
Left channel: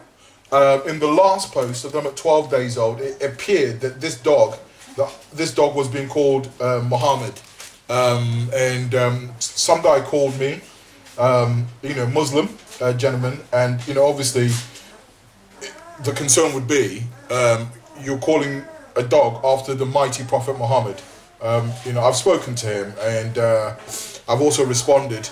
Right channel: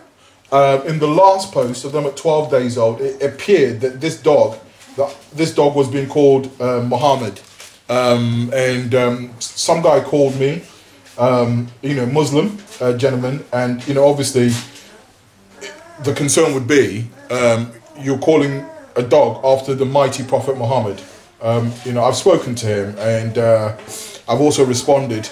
In the last post of them at 12 days old, it appeared that this dog was being called Muhammad. Some guy called me, you know, Muslim gentleman, and, you know, obviously the concern would be, you're calling a dog after the mighty Prophet Muhammad. You know, I've spoken to him, and I've also responded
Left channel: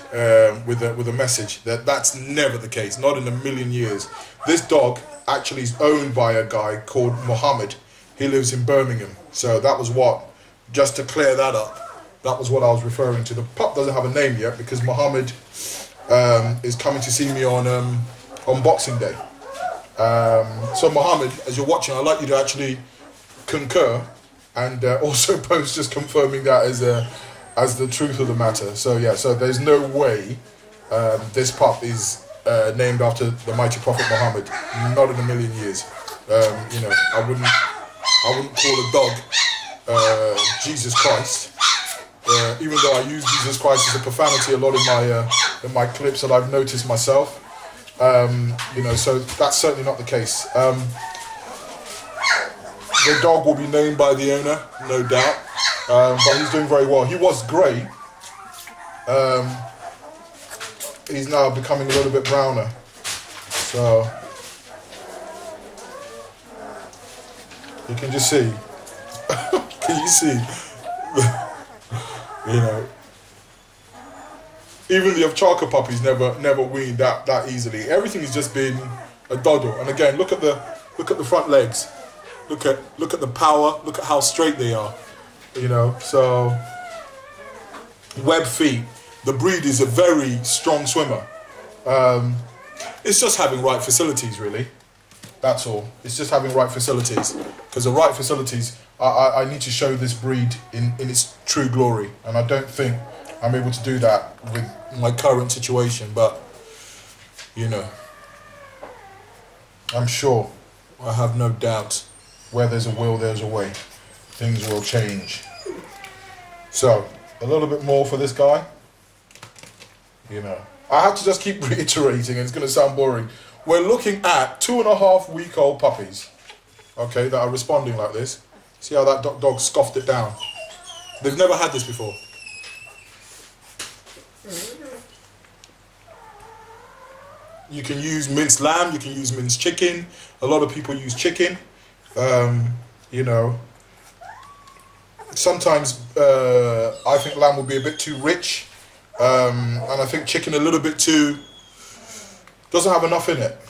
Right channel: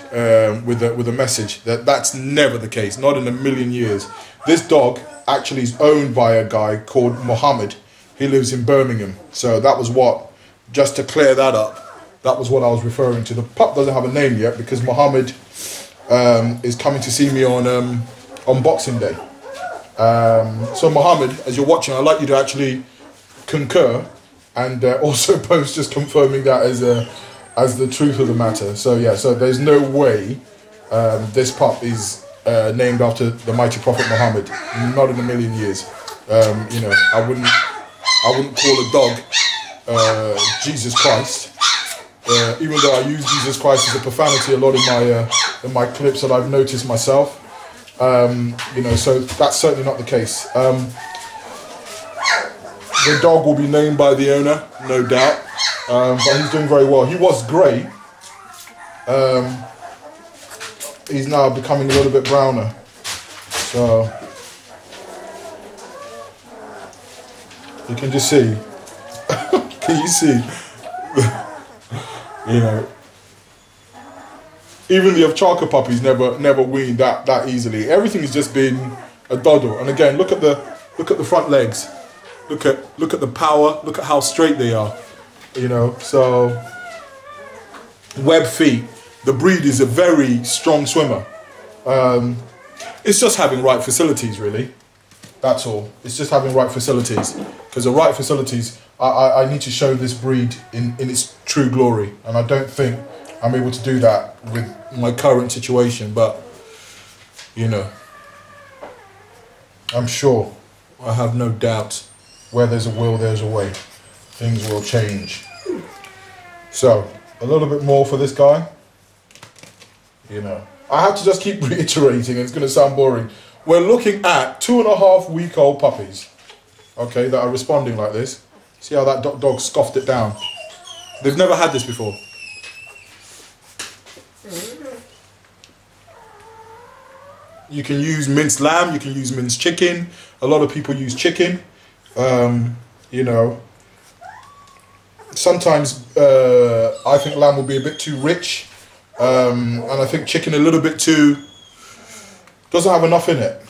with a message that that's never the case, not in a million years. This dog actually is owned by a guy called Muhammad. He lives in Birmingham. So that was what, just to clear that up, that was what I was referring to. The pup doesn't have a name yet because Muhammad is coming to see me on Boxing Day. So Mohammed, as you're watching, I'd like you to actually concur and also post just confirming that as the truth of the matter. So yeah, so there's no way this pup is named after the mighty Prophet Muhammad. Not in a million years. You know, I wouldn't call a dog Jesus Christ. Even though I use Jesus Christ as a profanity a lot in my clips that I've noticed myself. You know, so that's certainly not the case. The dog will be named by the owner, no doubt, but he's doing very well. He was grey. He's now becoming a little bit browner. So you can just see. Can you see? You know, even the Ovcharka puppies never weaned that easily. Everything has just been a doddle. And again, look at the front legs. Look at the power. Look at how straight they are. You know, so web feet. The breed is a very strong swimmer. It's just having right facilities, really. That's all. It's just having right facilities. Because the right facilities, I need to show this breed in its true glory. And I don't think I'm able to do that with my current situation. But, you know, I'm sure, I have no doubt, where there's a will, there's a way. Things will change. So, a little bit more for this guy. You know, I have to just keep reiterating, and it's going to sound boring. We're looking at 2.5-week-old puppies, okay, that are responding like this. See how that dog scoffed it down? They've never had this before. You can use minced lamb, you can use minced chicken. A lot of people use chicken. You know, sometimes I think lamb will be a bit too rich. And I think chicken a little bit too, doesn't have enough in it.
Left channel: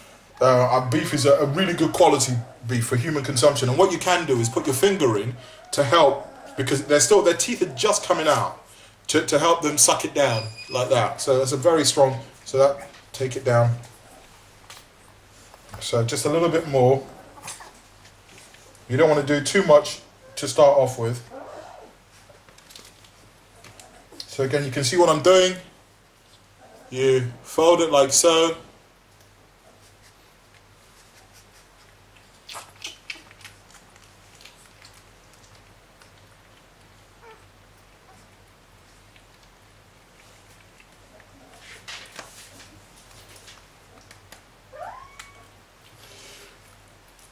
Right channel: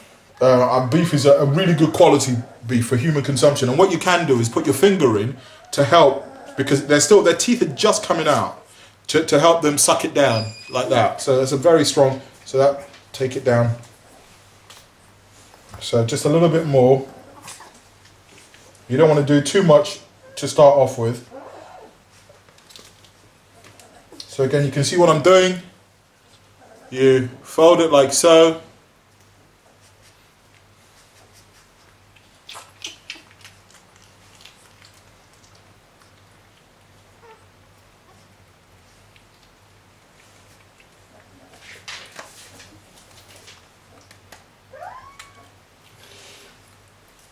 Beef is a really good quality beef for human consumption. And what you can do is put your finger in to help, because their teeth are just coming out, to help them suck it down like that. So that's a very strong, so that, take it down. So just a little bit more. You don't want to do too much to start off with. So again, you can see what I'm doing. You fold it like so.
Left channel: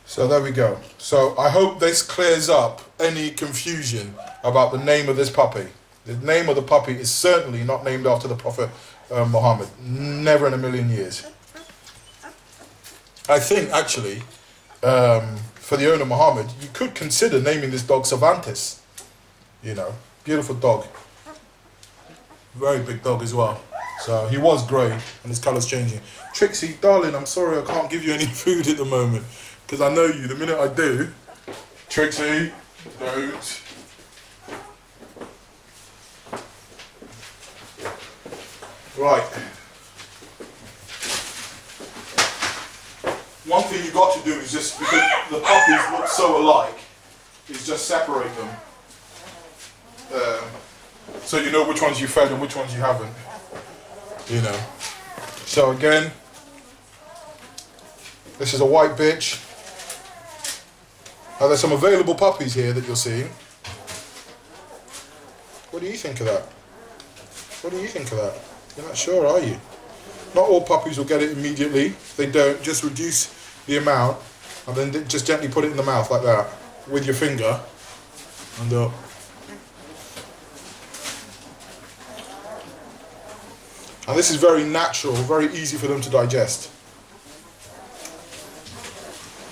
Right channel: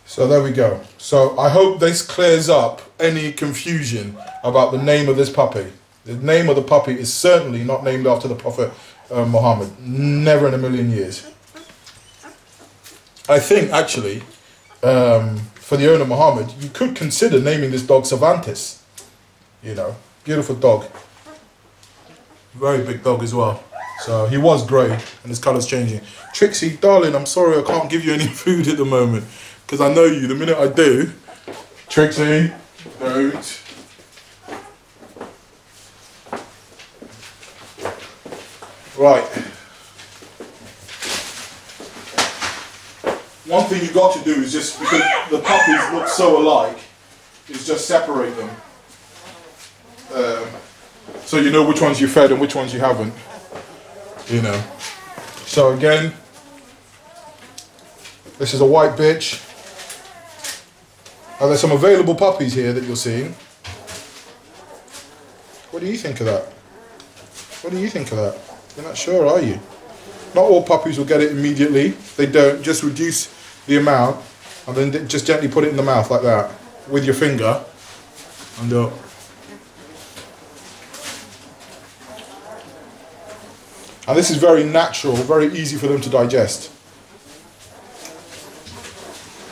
So there we go. So I hope this clears up any confusion about the name of this puppy. The name of the puppy is certainly not named after the Prophet Muhammad. Never in a million years. I think, actually, for the owner Muhammad, you could consider naming this dog Cervantes. You know, beautiful dog. Very big dog as well. So he was grey and his colour's changing. Trixie, darling, I'm sorry I can't give you any food at the moment. Because I know you, the minute I do, Trixie, don't. Right. One thing you've got to do is just, because the puppies look so alike, is just separate them. So you know which ones you fed and which ones you haven't. You know. So again, this is a white bitch. Now there's some available puppies here that you're seeing. What do you think of that? What do you think of that? You're not sure, are you? Not all puppies will get it immediately. If they don't, just reduce the amount and then just gently put it in the mouth like that with your finger. And this is very natural, very easy for them to digest.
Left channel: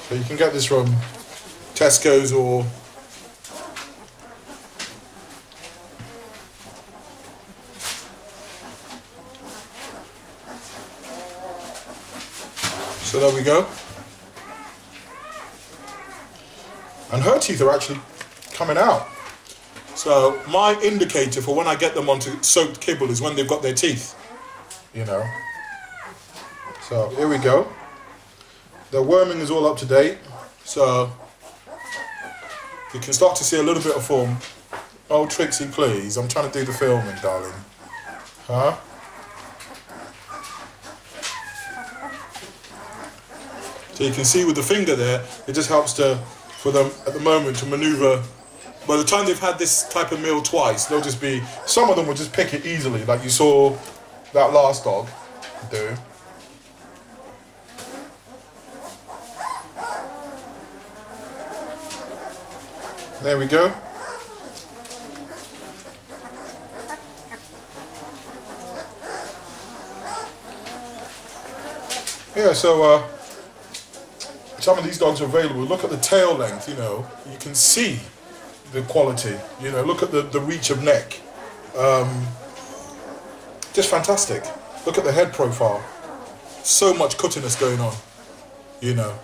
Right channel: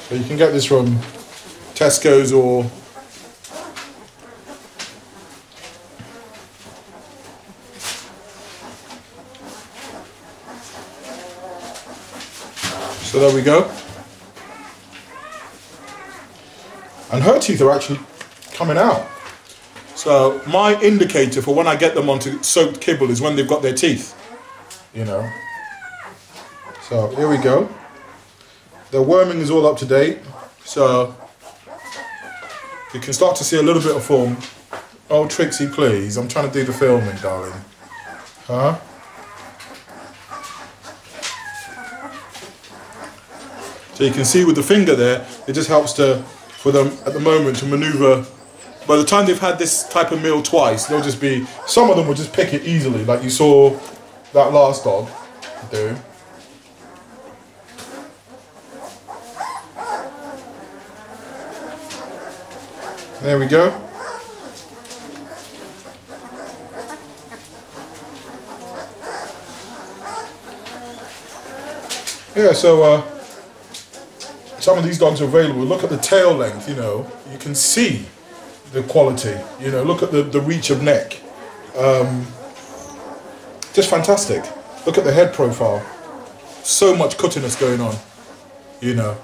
So you can get this from Tesco's or so there we go. And her teeth are actually coming out. So my indicator for when I get them onto soaked kibble is when they've got their teeth. You know. So here we go. The worming is all up to date, so you can start to see a little bit of form. Oh, Trixie, please. I'm trying to do the filming, darling. Huh? So you can see with the finger there, it just helps for them at the moment to maneuver. By the time they've had this type of meal twice, they'll just be, some of them will just pick it easily, like you saw that last dog do. There we go. Yeah, so some of these dogs are available. Look at the tail length, you know, you can see the quality, you know, look at the reach of neck. Just fantastic. Look at the head profile. So much cuttiness going on, you know.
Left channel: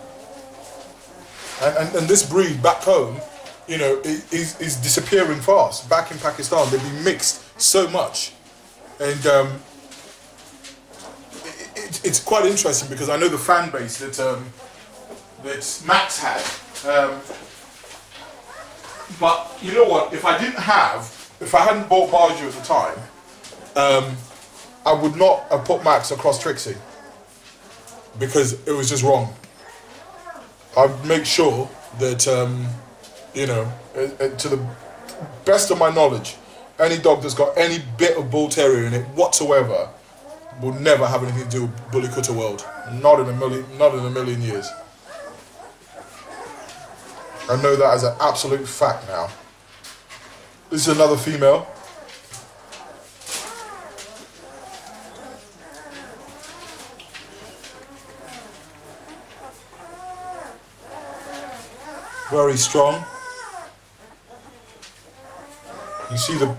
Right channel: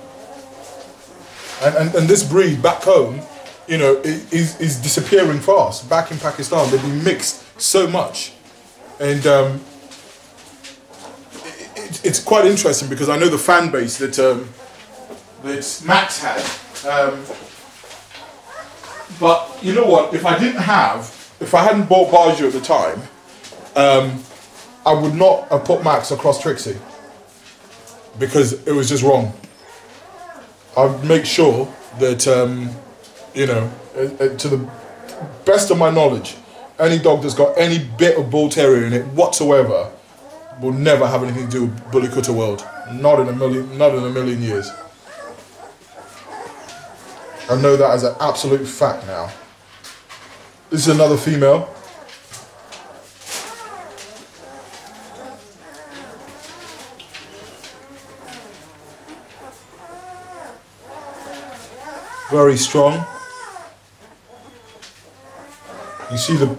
And this breed back home, you know, is disappearing fast. Back in Pakistan, they've been mixed so much. And it's quite interesting because I know the fan base that Max had. But you know what? If I hadn't bought Baju at the time, I would not have put Max across Trixie because it was just wrong. I'd make sure that, you know, to the best of my knowledge, any dog that's got any bit of bull terrier in it whatsoever will never have anything to do with Bully Kutta World. Not in a million years. I know that as an absolute fact now. This is another female. Very strong. You see the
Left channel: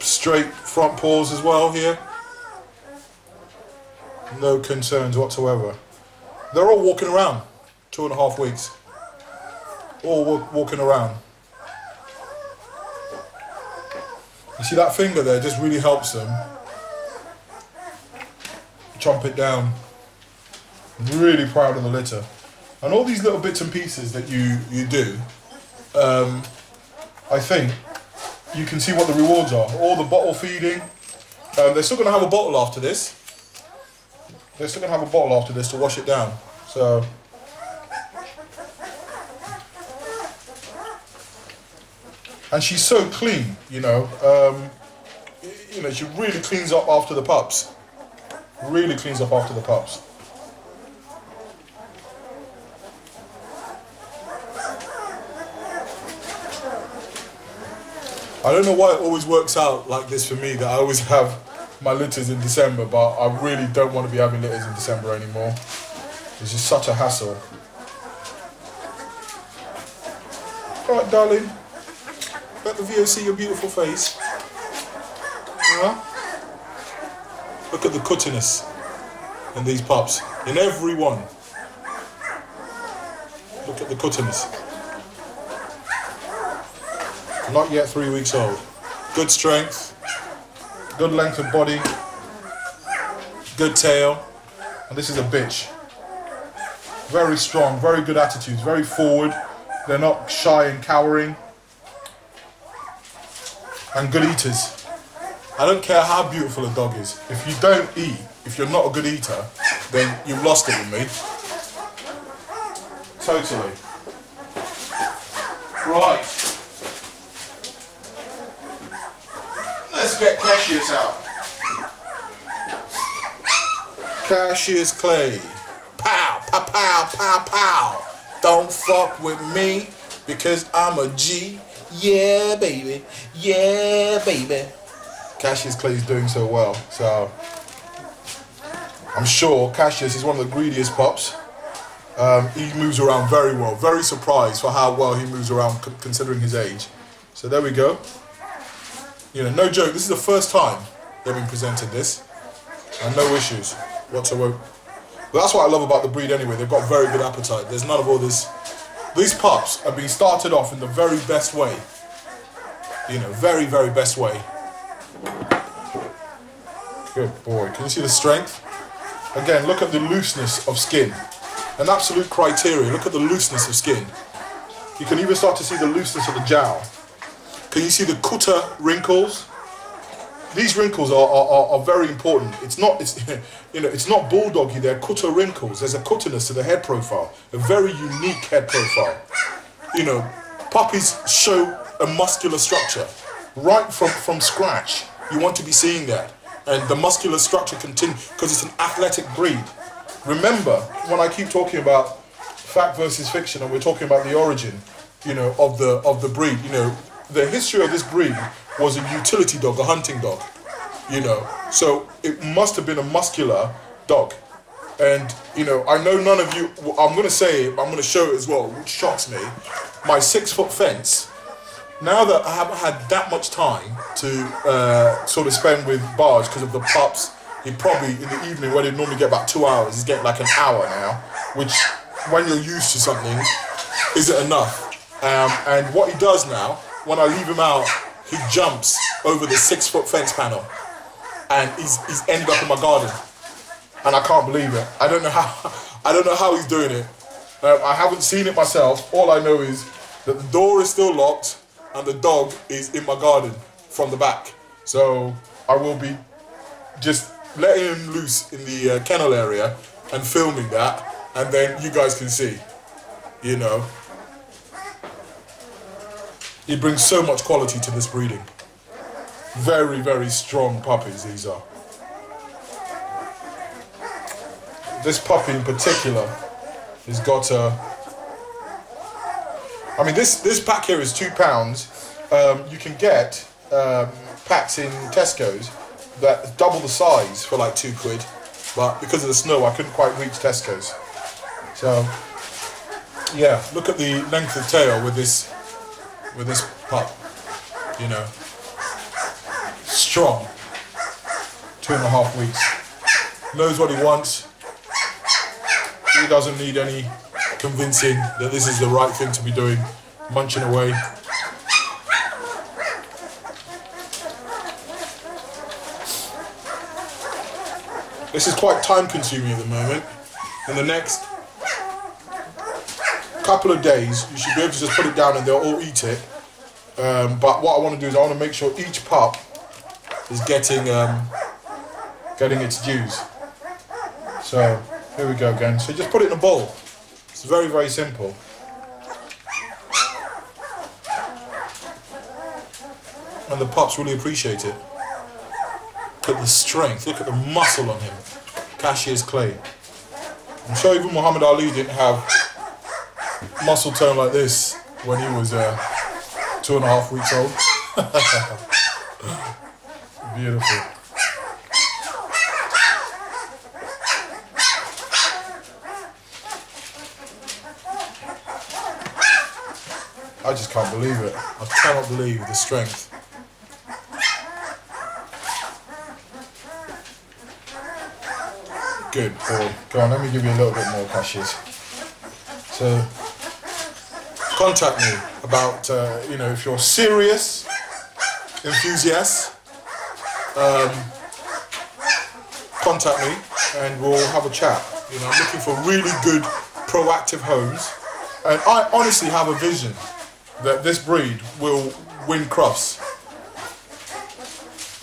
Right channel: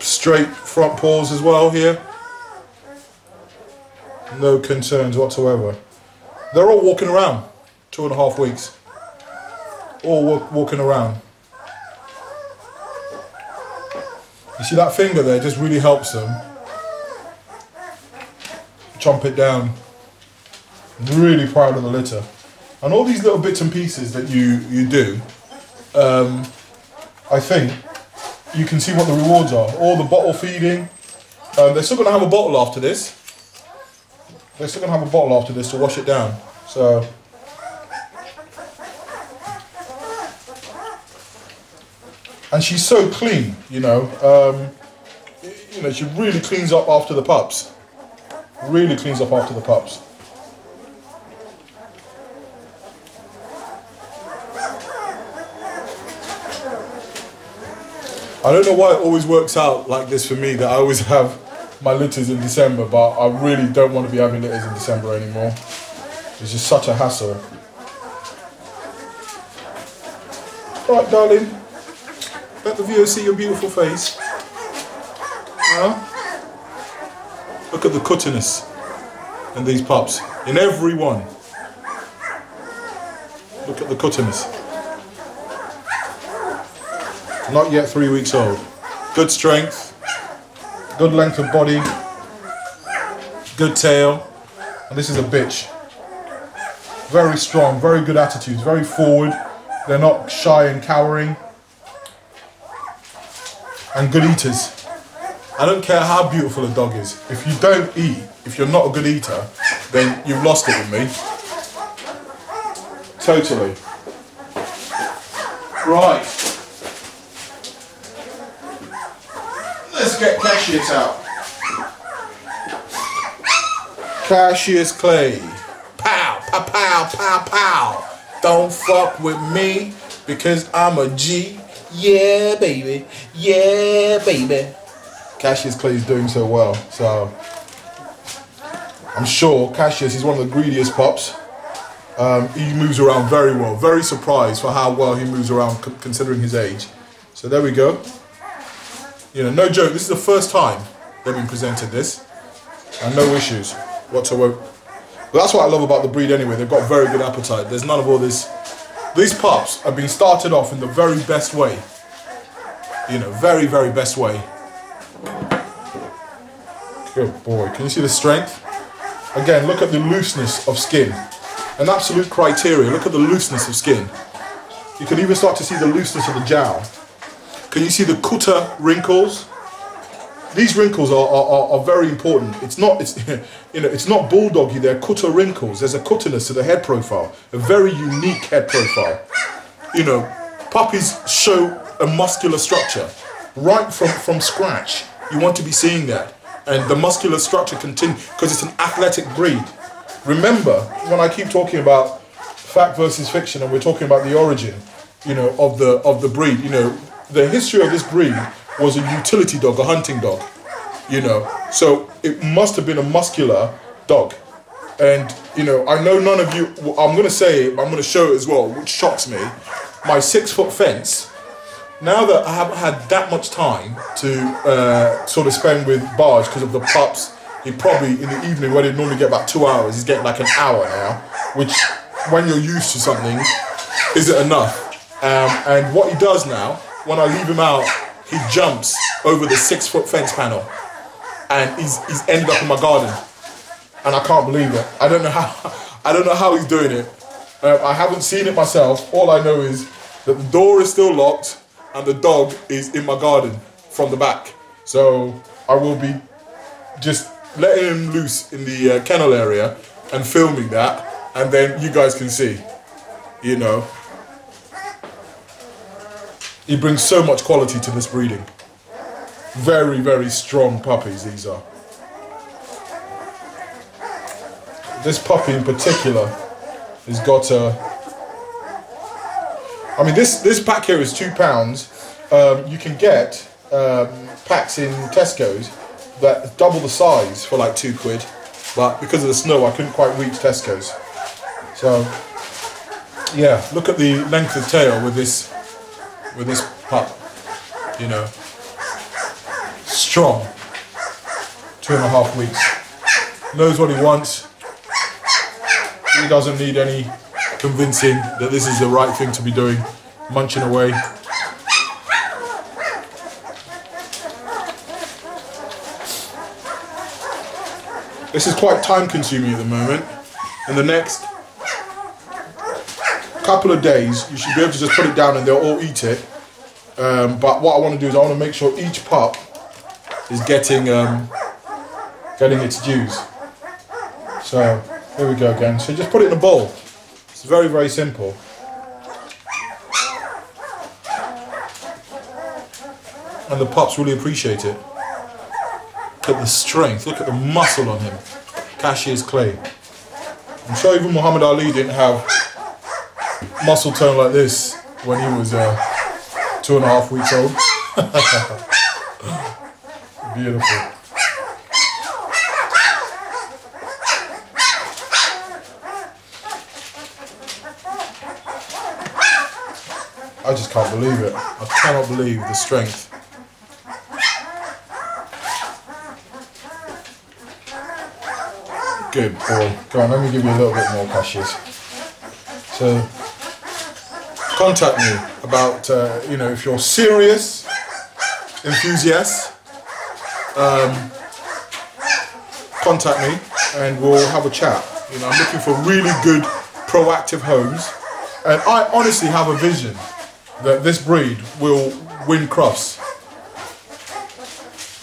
straight front paws as well here. No concerns whatsoever. They're all walking around, 2.5 weeks. All walking around. You see that finger there just really helps them chomp it down. I'm really proud of the litter. And all these little bits and pieces that you do, I think you can see what the rewards are. All the bottle feeding. They're still going to have a bottle after this. They're still going to have a bottle after this to wash it down. So, and she's so clean, you know. You know, she really cleans up after the pups. Really cleans up after the pups. I don't know why it always works out like this for me, that I always have my litters in December, but I really don't want to be having litters in December anymore. It's just such a hassle. Alright, darling. Let the viewers see your beautiful face. Yeah? Look at the cuttiness in these pups. In every one. Look at the cuttiness. Not yet 3 weeks old. Good strength, good length of body, good tail, and this is a bitch. Very strong, very good attitudes, very forward. They're not shy and cowering. And good eaters. I don't care how beautiful a dog is. If you don't eat, if you're not a good eater, then you've lost it with me. Totally. Right. Let's get Cassius out. Cassius Clay. Pow, pow, pow, pow, pow. Don't fuck with me because I'm a G. Yeah, baby. Yeah, baby. Cassius Clay is doing so well. So I'm sure Cassius is one of the greediest pups. He moves around very well. Very surprised for how well he moves around considering his age. So there we go. You know, no joke, this is the first time they've been presented this. And no issues whatsoever. But that's what I love about the breed anyway. They've got very good appetite. There's none of all this. These pups have been started off in the very best way. You know, very, very best way. Good boy. Can you see the strength? Again, look at the looseness of skin. an absolute criteria. Look at the looseness of skin. You can even start to see the looseness of the jowl. Can you see the Kutta wrinkles? These wrinkles are very important. It's not bulldoggy. They're Kutta wrinkles. There's a Kuttaness to the head profile, a very unique head profile. You know, puppies show a muscular structure right from scratch. You want to be seeing that, and the muscular structure continues because it's an athletic breed. Remember, when I keep talking about fact versus fiction, and we're talking about the origin, you know, of the breed. You know, the history of this breed was a utility dog, a hunting dog, you know, so it must have been a muscular dog. And, you know, I know none of you, I'm going to say it, I'm going to show it as well, which shocks me. My 6-foot fence, now that I haven't had that much time to sort of spend with Barge because of the pups, he probably, in the evening, where he'd normally get about 2 hours, he's getting like an hour now, which, when you're used to something, isn't enough. And what he does now, when I leave him out, he jumps over the 6-foot fence panel, and he's ended up in my garden, and I can't believe it. I don't know how he's doing it. I haven't seen it myself. All I know is that the door is still locked, and the dog is in my garden from the back. So I will be just letting him loose in the kennel area and filming that, and then you guys can see, you know. He brings so much quality to this breeding. Very, very strong puppies these are. This puppy in particular has got a... I mean, this pack here is £2. You can get packs in Tesco's that double the size for like £2. But because of the snow, I couldn't quite reach Tesco's. So, yeah, look at the length of tail with this pup, you know, strong, 2.5 weeks, knows what he wants, he doesn't need any convincing that this is the right thing to be doing, munching away. This is quite time consuming at the moment. In the next couple of days, you should be able to just put it down and they'll all eat it. But what I want to do is I want to make sure each pup is getting its dues. So here we go again. So just put it in a bowl. It's very, very simple. And the pups really appreciate it. Look at the strength. Look at the muscle on him. Cashier's clay. I'm sure even Muhammad Ali didn't have muscle tone like this when he was 2.5 weeks old. Beautiful. I just can't believe it. I cannot believe the strength. Good boy. Go on, let me give you a little bit more cashews. So, contact me about, you know, if you're serious enthusiast, contact me and we'll have a chat. You know, I'm looking for really good, proactive homes, and I honestly have a vision that this breed will win Crufts,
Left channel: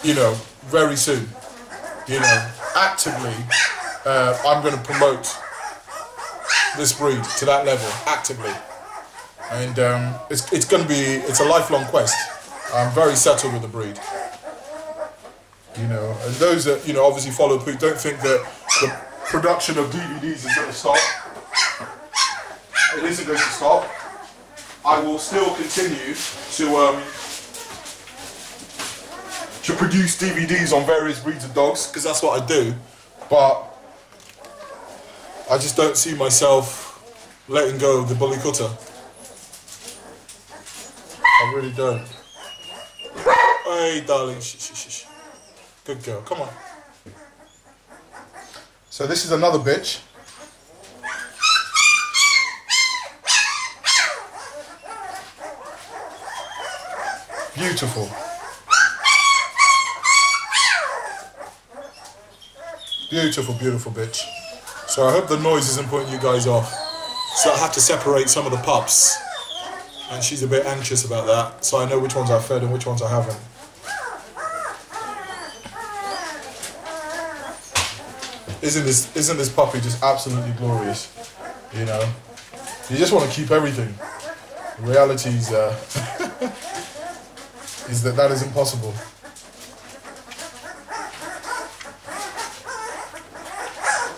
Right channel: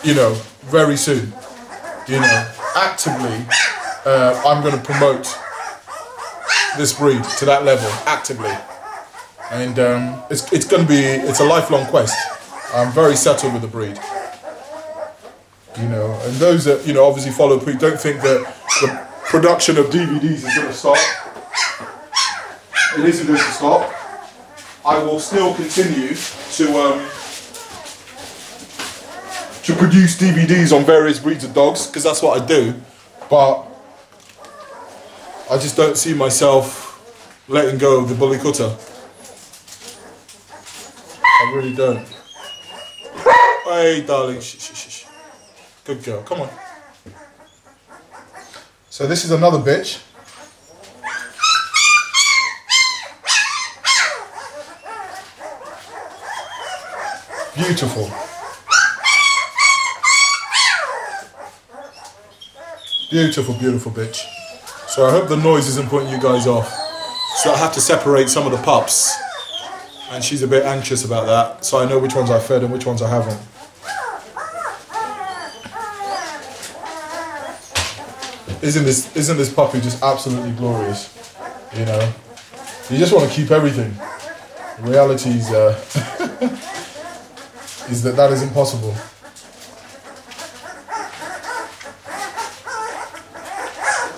you know, very soon. You know, actively, I'm going to promote this breed to that level, actively. And it's a lifelong quest. I'm very settled with the breed. You know, and those that, you know, obviously follow Pete, don't think that the production of DVDs is going to stop. It isn't going to stop. I will still continue to produce DVDs on various breeds of dogs, because that's what I do. But I just don't see myself letting go of the bully Kutta. I really don't. Hey, darling, shh, shh, shh. Good girl, come on. So this is another bitch. Beautiful. Beautiful, beautiful bitch. So I hope the noise isn't putting you guys off. So I have to separate some of the pups. And she's a bit anxious about that. So I know which ones I fed and which ones I haven't. Isn't this puppy just absolutely glorious? You know? You just want to keep everything. The reality is, is that is impossible.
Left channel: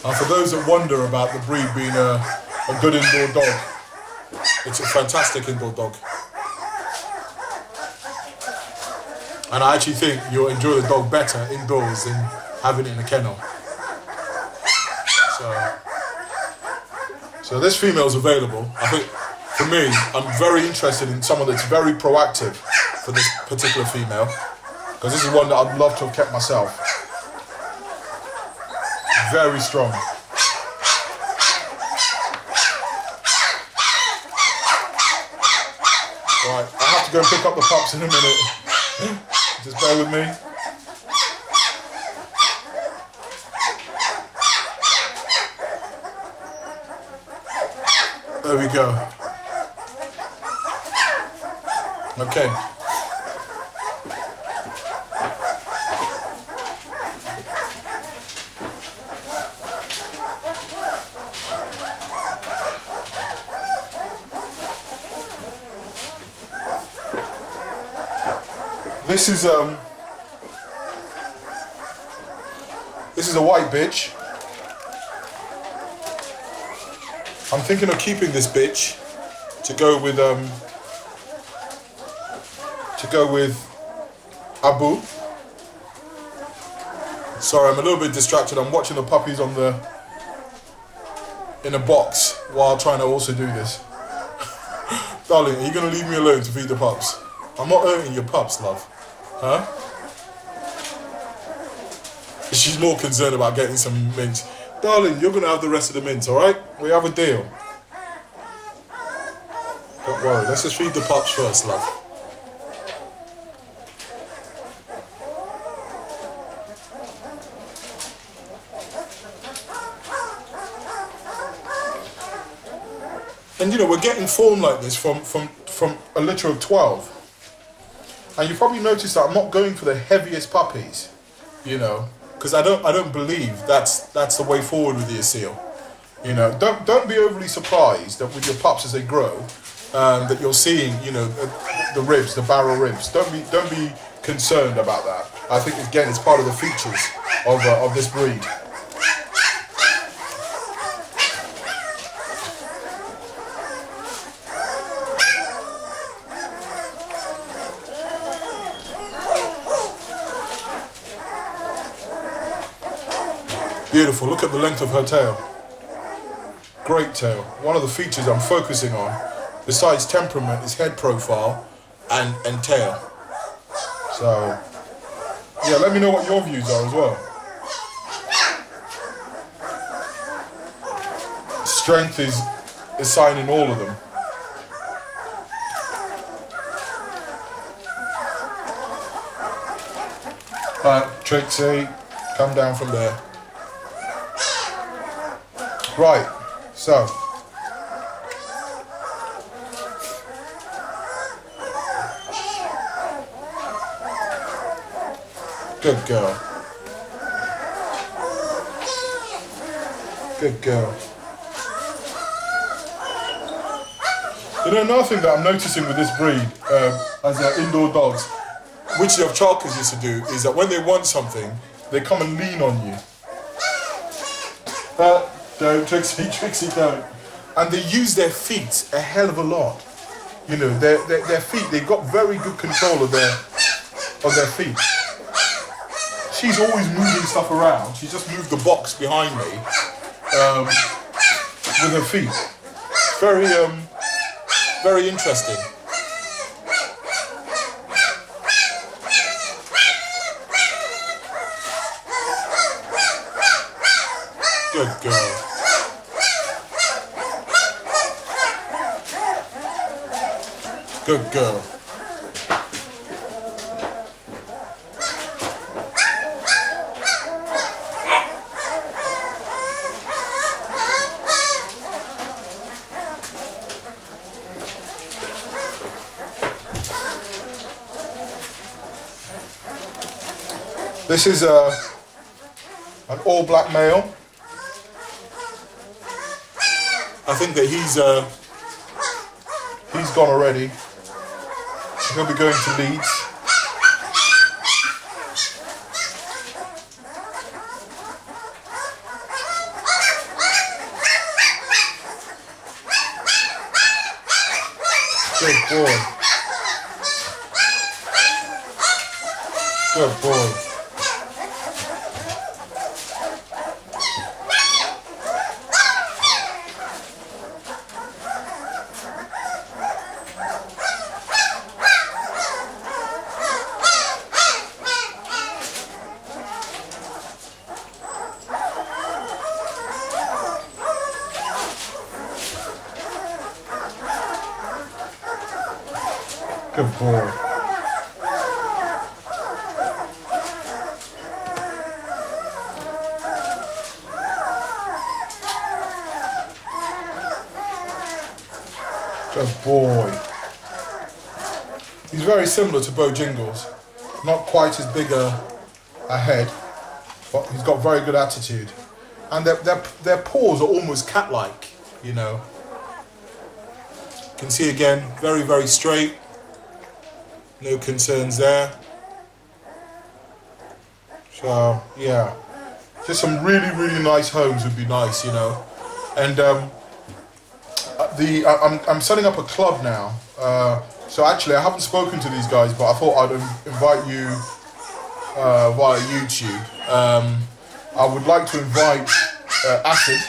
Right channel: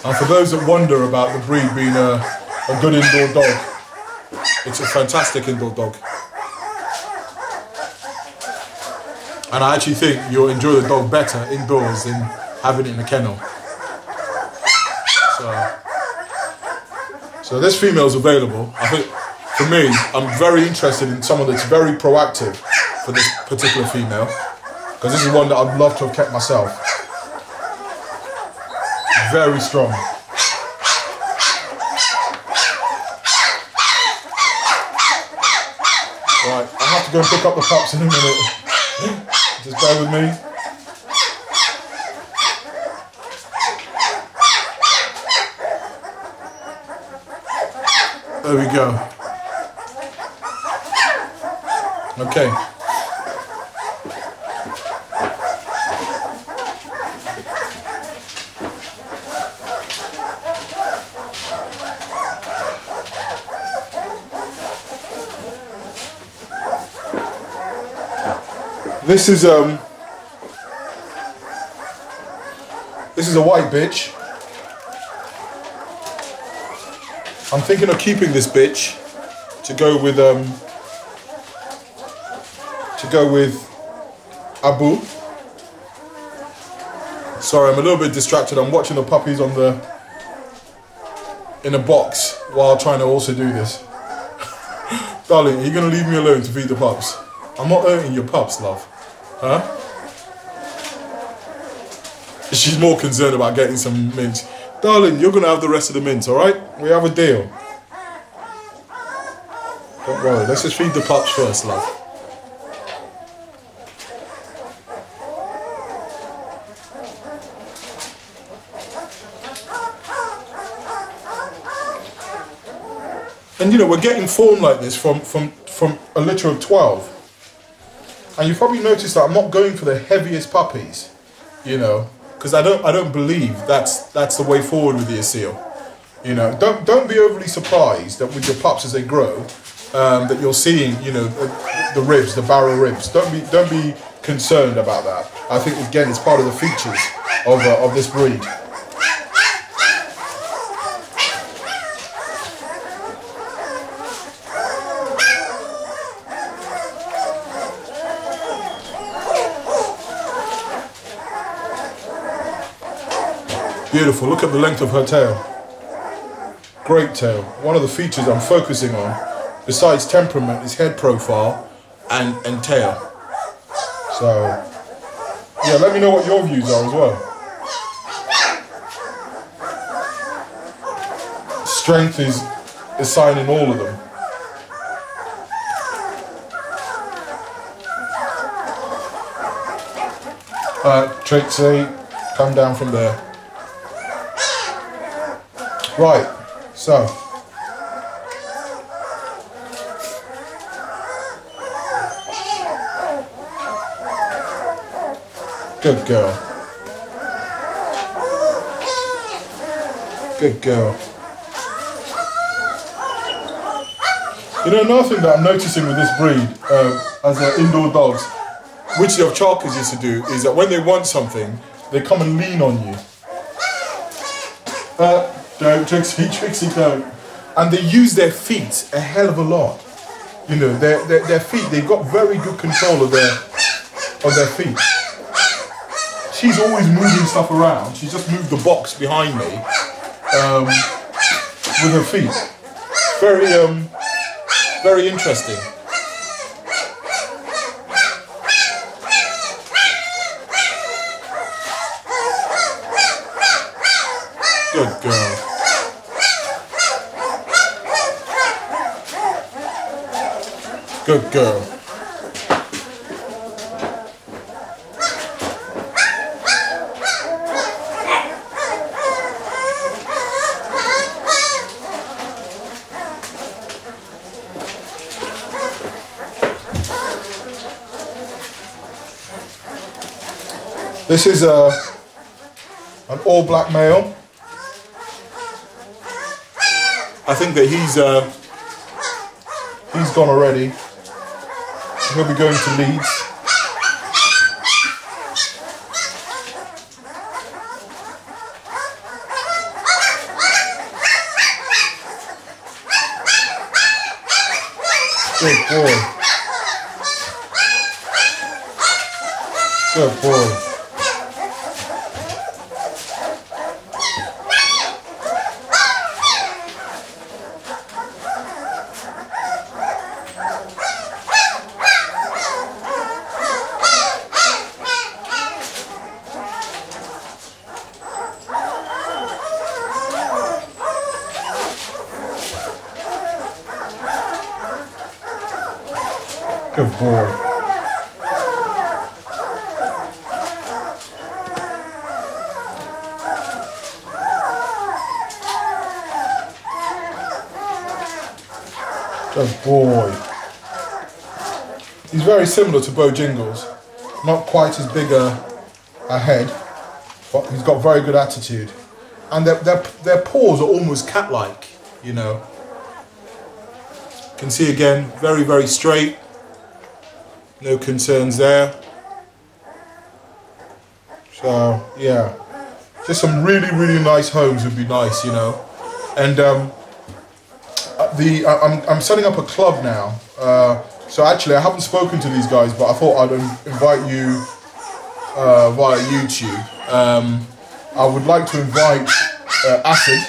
And for those that wonder about the breed being a good indoor dog, it's a fantastic indoor dog. And I actually think you'll enjoy the dog better indoors than having it in a kennel. So this female is available. I think, for me, I'm very interested in someone that's very proactive for this particular female. Because this is one that I'd love to have kept myself. Very strong. Right, I have to go and pick up the pups in a minute. Just bear with me. There we go. Okay. This is a white bitch. I'm thinking of keeping this bitch to go with Abu. Sorry, I'm a little bit distracted. I'm watching the puppies in a box while trying to also do this. Darling, are you gonna leave me alone to feed the pups? I'm not hurting your pups, love. Huh? She's more concerned about getting some mints. Darling, you're going to have the rest of the mints, alright? We have a deal. Don't worry, let's just feed the pups first, love. And you know, we're getting form like this from a litter of 12. And you probably noticed that I'm not going for the heaviest puppies, you know, because I don't believe that's the way forward with the Asil. You know, don't be overly surprised that with your pups as they grow, that you're seeing, you know, the ribs, the barrel ribs. Don't be concerned about that. I think again it's part of the features of this breed. Beautiful, look at the length of her tail. Great tail. One of the features I'm focusing on, besides temperament, is head profile and tail. So, yeah, let me know what your views are as well. Strength is a sign in all of them. Alright, Trixie, come down from there. Right, so good girl. Good girl. You know, another thing that I'm noticing with this breed, as indoor dogs, which the Chalkers used to do, is that when they want something, they come and lean on you. Don't, Trixie, don't. And they use their feet a hell of a lot. You know, their feet, they've got very good control of their feet. She's always moving stuff around. She just moved the box behind me with her feet. Very interesting. Good girl. Good girl. This is an all-black male. I think that he's gone already. He'll be going to Leeds. Good boy. Good boy. Good boy. Good boy. He's very similar to Bo Jingles. Not quite as big a head, but he's got very good attitude. And their paws are almost cat-like, you know. You can see again, very, very straight. No concerns there. So yeah, just some really, really nice homes would be nice, you know. And I'm setting up a club now. So actually, I haven't spoken to these guys, but I thought I'd invite you via YouTube. I would like to invite Acid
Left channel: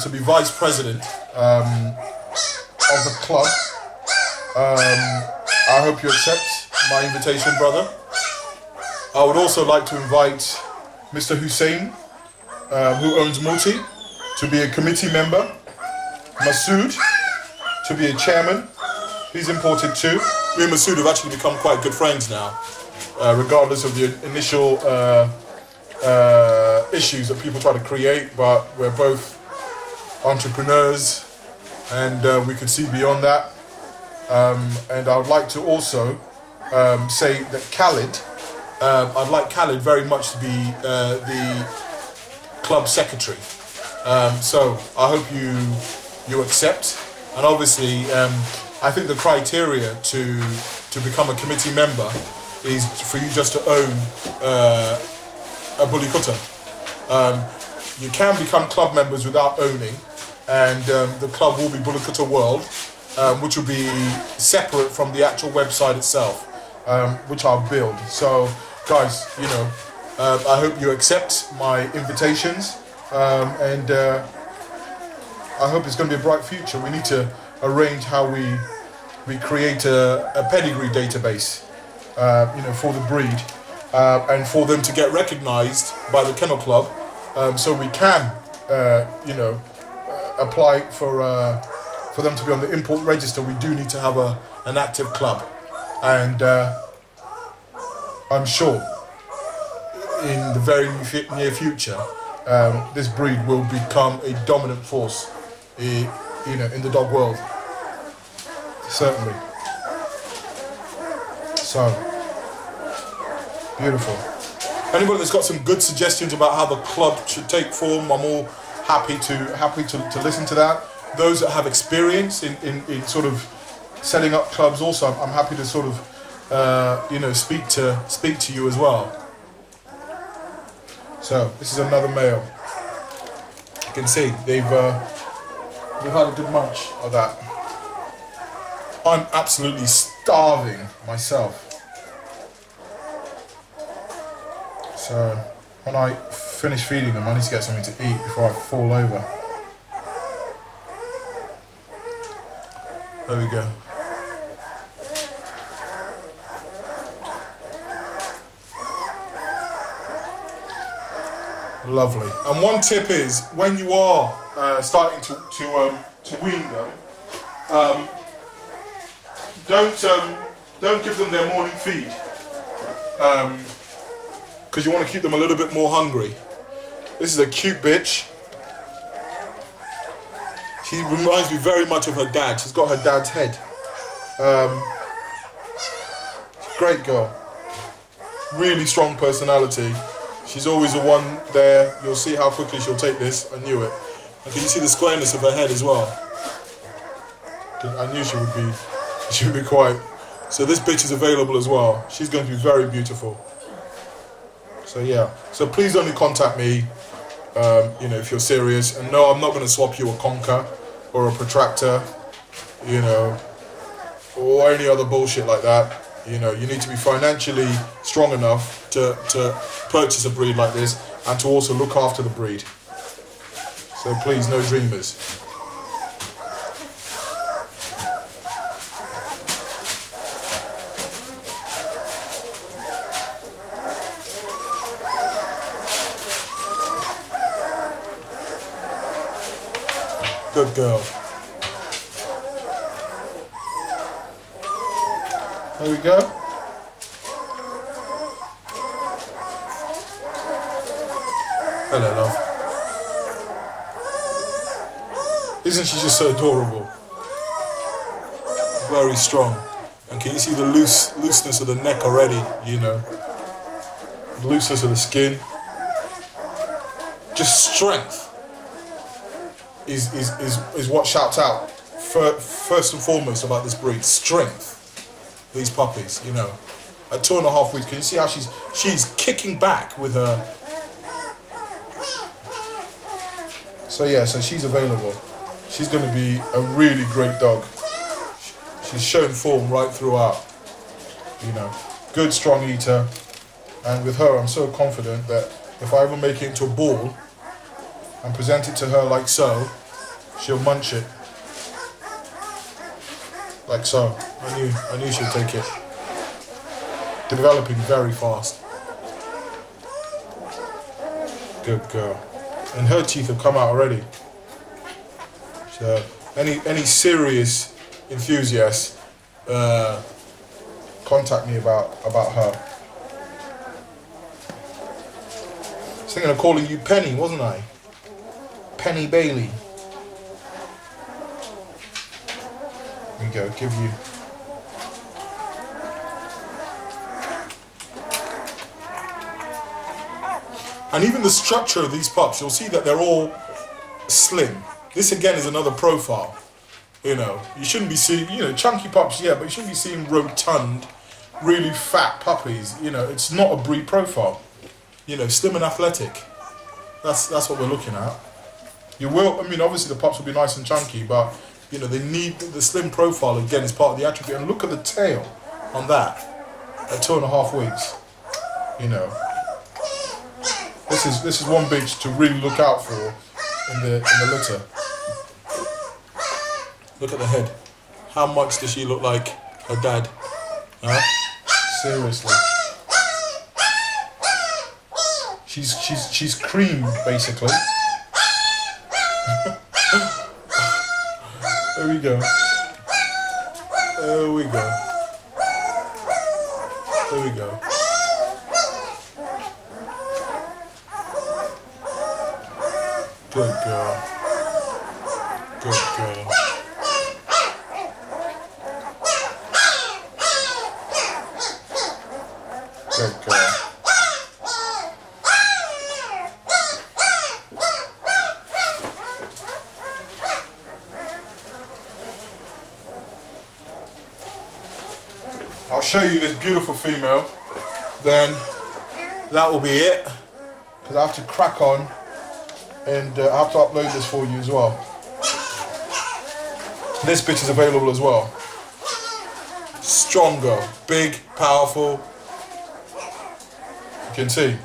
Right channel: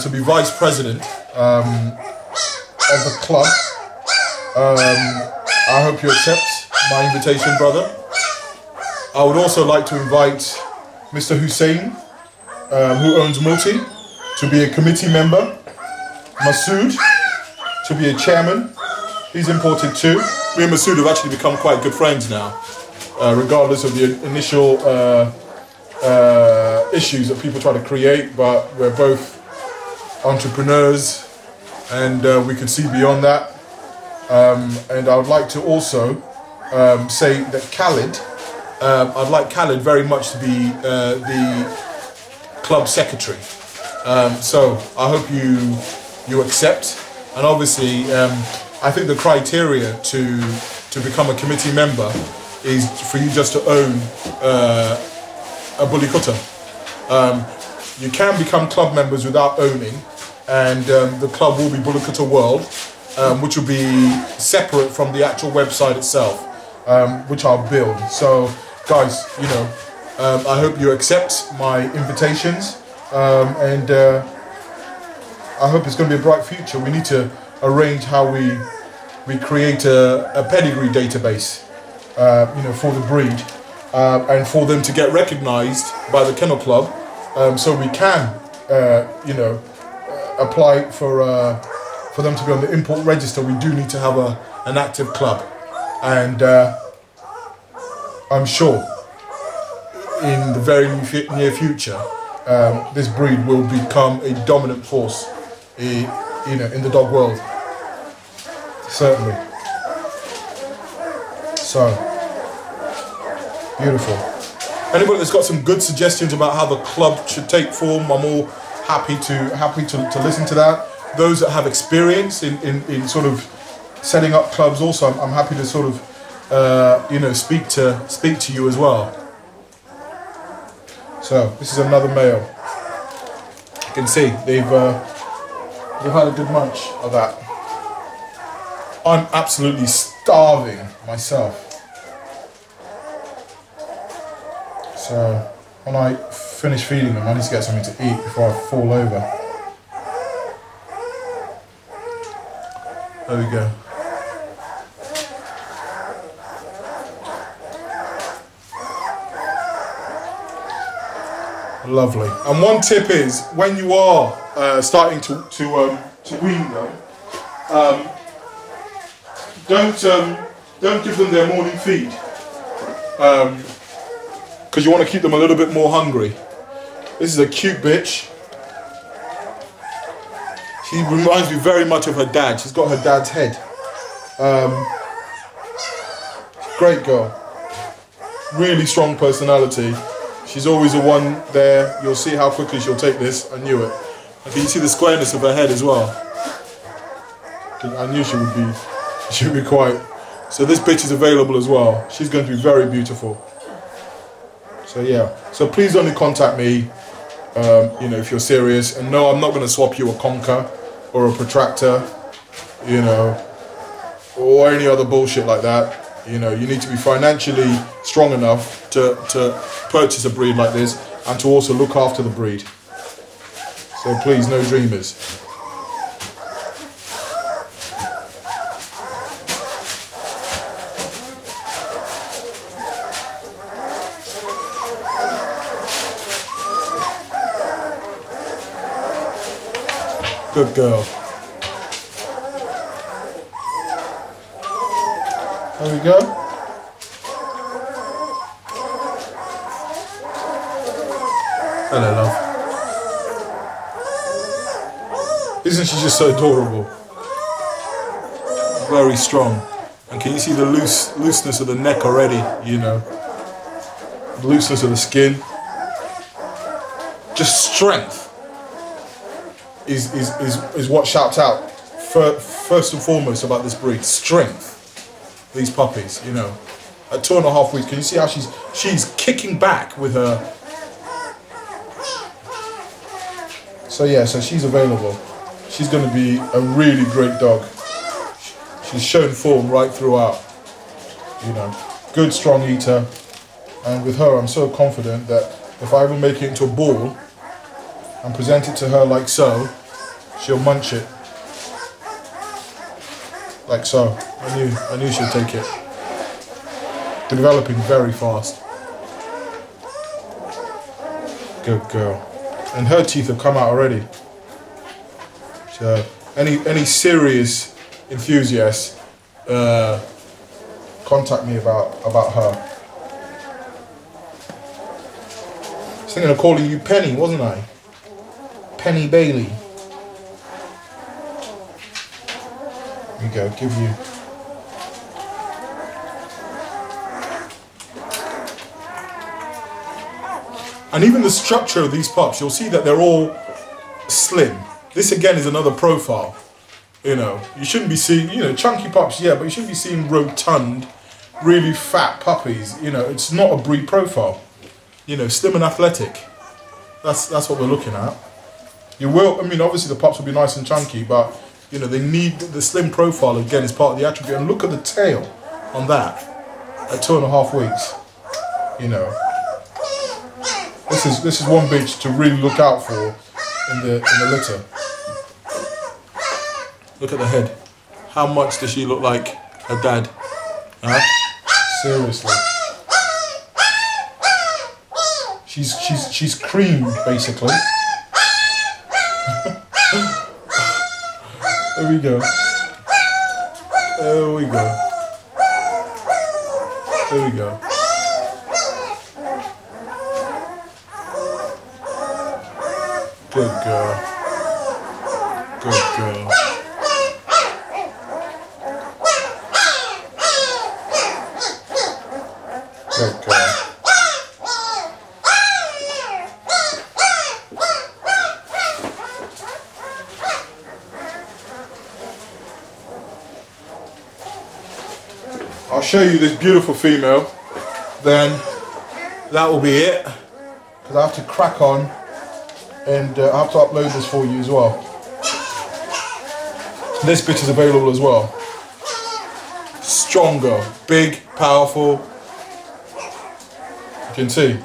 to be vice president of the club. I hope you accept my invitation, brother. I would also like to invite Mr. Hussein, who owns Multi, to be a committee member. Masood, to be a chairman. He's imported too. Me and Masood have actually become quite good friends now, regardless of the initial issues that people try to create, but we're both entrepreneurs and we can see beyond that. And I would like to also say that Khalid, I'd like Khalid very much to be the club secretary. So I hope you accept. And obviously, I think the criteria to become a committee member is for you just to own a Bully Kutta. You can become club members without owning, and the club will be Bully Kutta World, which will be separate from the actual website itself, which I'll build. So, guys, you know, I hope you accept my invitations, and I hope it's going to be a bright future. We need to arrange how we create a pedigree database, you know, for the breed, and for them to get recognised by the Kennel Club, so we can, you know, apply for them to be on the import register. We do need to have an active club, and I'm sure in the very near future, this breed will become a dominant force, you know, in the dog world. Certainly. So beautiful. Anybody that's got some good suggestions about how the club should take form, I'm all happy to listen to that. Those that have experience in sort of setting up clubs, also I'm happy to sort of you know, speak to you as well. So this is another male. You can see they've had a good munch of that. I'm absolutely starving myself. So when I finish feeding them, I need to get something to eat before I fall over. There we go. Lovely. And one tip is, when you are starting to wean them, don't give them their morning feed, because you want to keep them a little bit more hungry. This is a cute bitch. She reminds me very much of her dad. She's got her dad's head. Great girl. really strong personality. She's always the one there. You'll see how quickly she'll take this. I knew it. And can you see the squareness of her head as well? I knew she would be quite. So this bitch is available as well. She's going to be very beautiful. So yeah. So please only contact me, you know, if you're serious. And no, I'm not going to swap you a conker or a protractor, you know, or any other bullshit like that. You know, you need to be financially strong enough to purchase a breed like this and to also look after the breed. So please, no dreamers. Good girl. There we go. Hello, love. Isn't she just so adorable? Very strong. And can you see the looseness of the neck already, you know? The looseness of the skin. Just strength is what shouts out first and foremost about this breed. Strength. These puppies, you know. At 2.5 weeks, can you see how she's kicking back with her? So yeah, so she's available. She's going to be a really great dog. She's shown form right throughout. You know, good strong eater. And with her, I'm so confident that if I ever make it into a ball and present it to her like so, she'll munch it. Like so. I knew she'd take it. Developing very fast. Good girl. And her teeth have come out already. So any serious enthusiasts, contact me about her. I was thinking of calling you Penny, wasn't I? Penny Bailey. Here we go, give you. And even the structure of these pups, you'll see that they're all slim. This again is another profile. You know, you shouldn't be seeing, you know, chunky pups, yeah, but you shouldn't be seeing rotund, really fat puppies. You know, it's not a breed profile. You know, slim and athletic. That's what we're looking at. You will, I mean, obviously the pups will be nice and chunky, but, you know, they need the slim profile, again, is part of the attribute. And look at the tail on that at 2.5 weeks. You know, this is one bitch to really look out for in the litter. Look at the head. How much does she look like her dad? Huh? Seriously. She's cream, basically. There we go. There we go. There we go. Good girl. Good girl. Good girl. I'll show you this beautiful female, then that will be it, because I have to crack on and I have to upload this for you as well. This bitch is available as well. Strong girl, big, powerful. You can see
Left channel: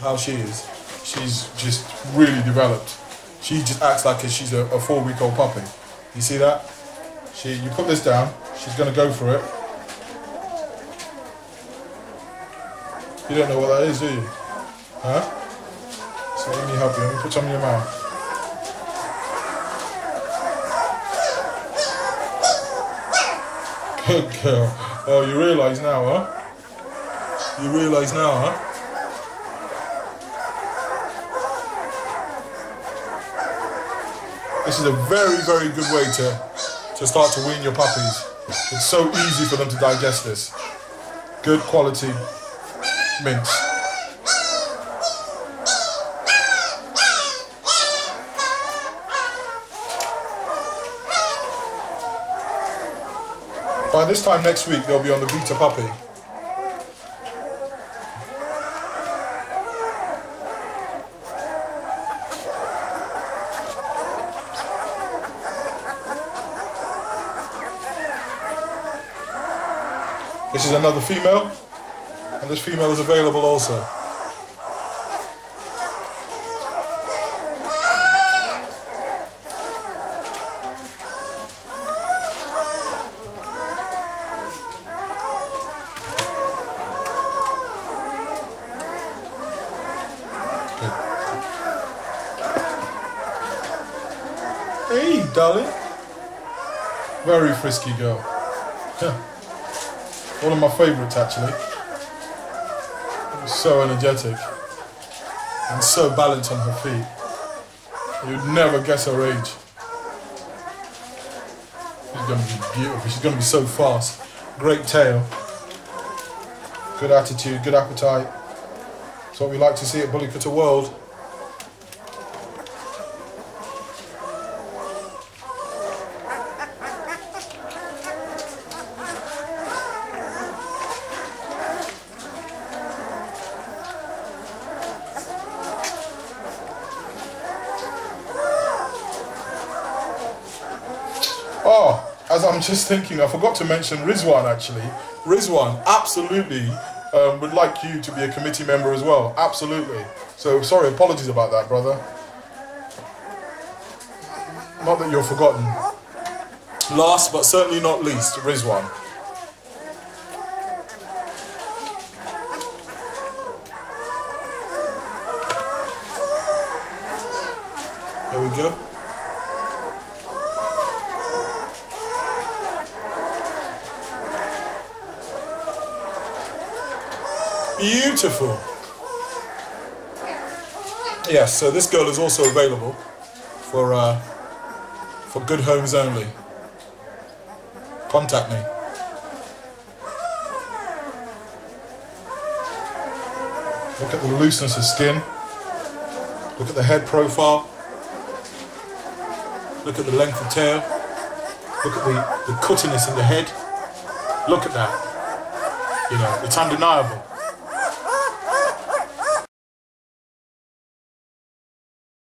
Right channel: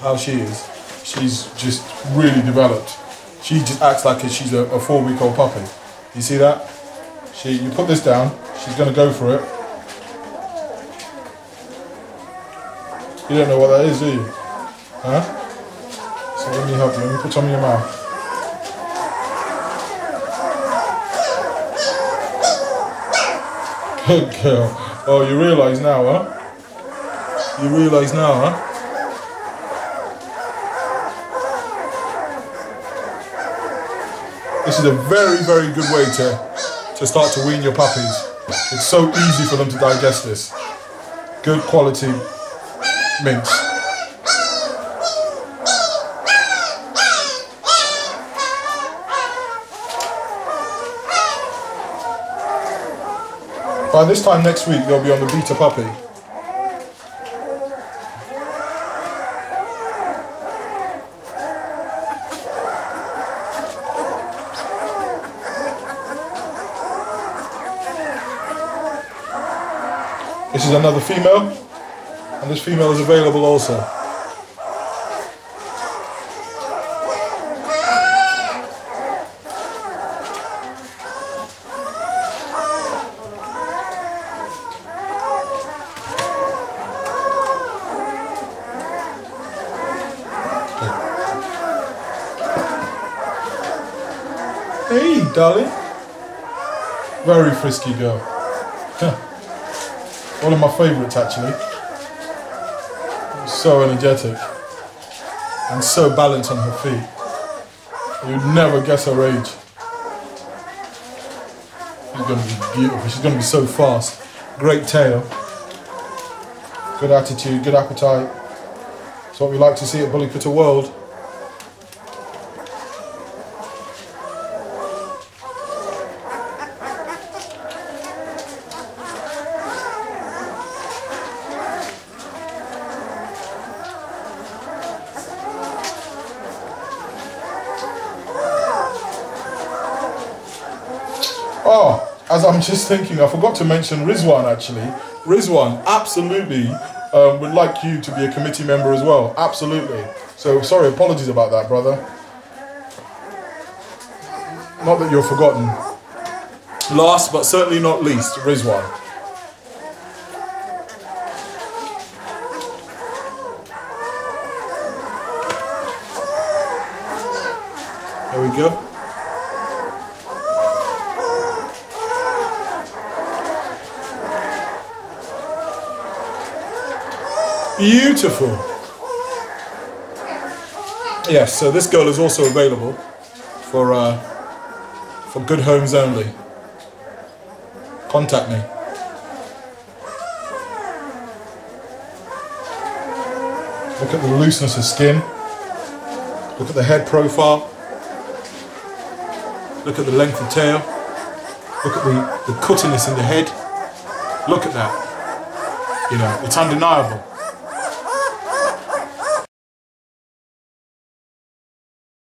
how she is. She's just really developed. She just acts like she's a 4-week-old puppy. You see that? You put this down, she's gonna go for it. You don't know what that is, do you? Huh? So let me help you. Let me put some in your mouth. Good girl. Oh, you realise now, huh? You realise now, huh? This is a very, very good way to start to wean your puppies. It's so easy for them to digest this. Good quality mince. By this time next week, they'll be on the beta puppy. This is another female, and this female is available also. Hey, darling. Very frisky girl. One of my favourites, actually. So energetic and so balanced on her feet. You'd never guess her age. She's going to be beautiful. She's going to be so fast. Great tail. Good attitude, good appetite. That's what we like to see at Bully Kutta World. Oh, as I'm just thinking, I forgot to mention Rizwan actually. Rizwan absolutely would like you to be a committee member as well. Absolutely. So sorry, apologies about that, brother. Not that you're forgotten. Last but certainly not least, Rizwan. There we go. Beautiful. Yes, so this girl is also available for good homes only. Contact me. Look at the looseness of skin. Look at the head profile. Look at the length of tail. Look at the cuttiness in the head. Look at that. You know, it's undeniable.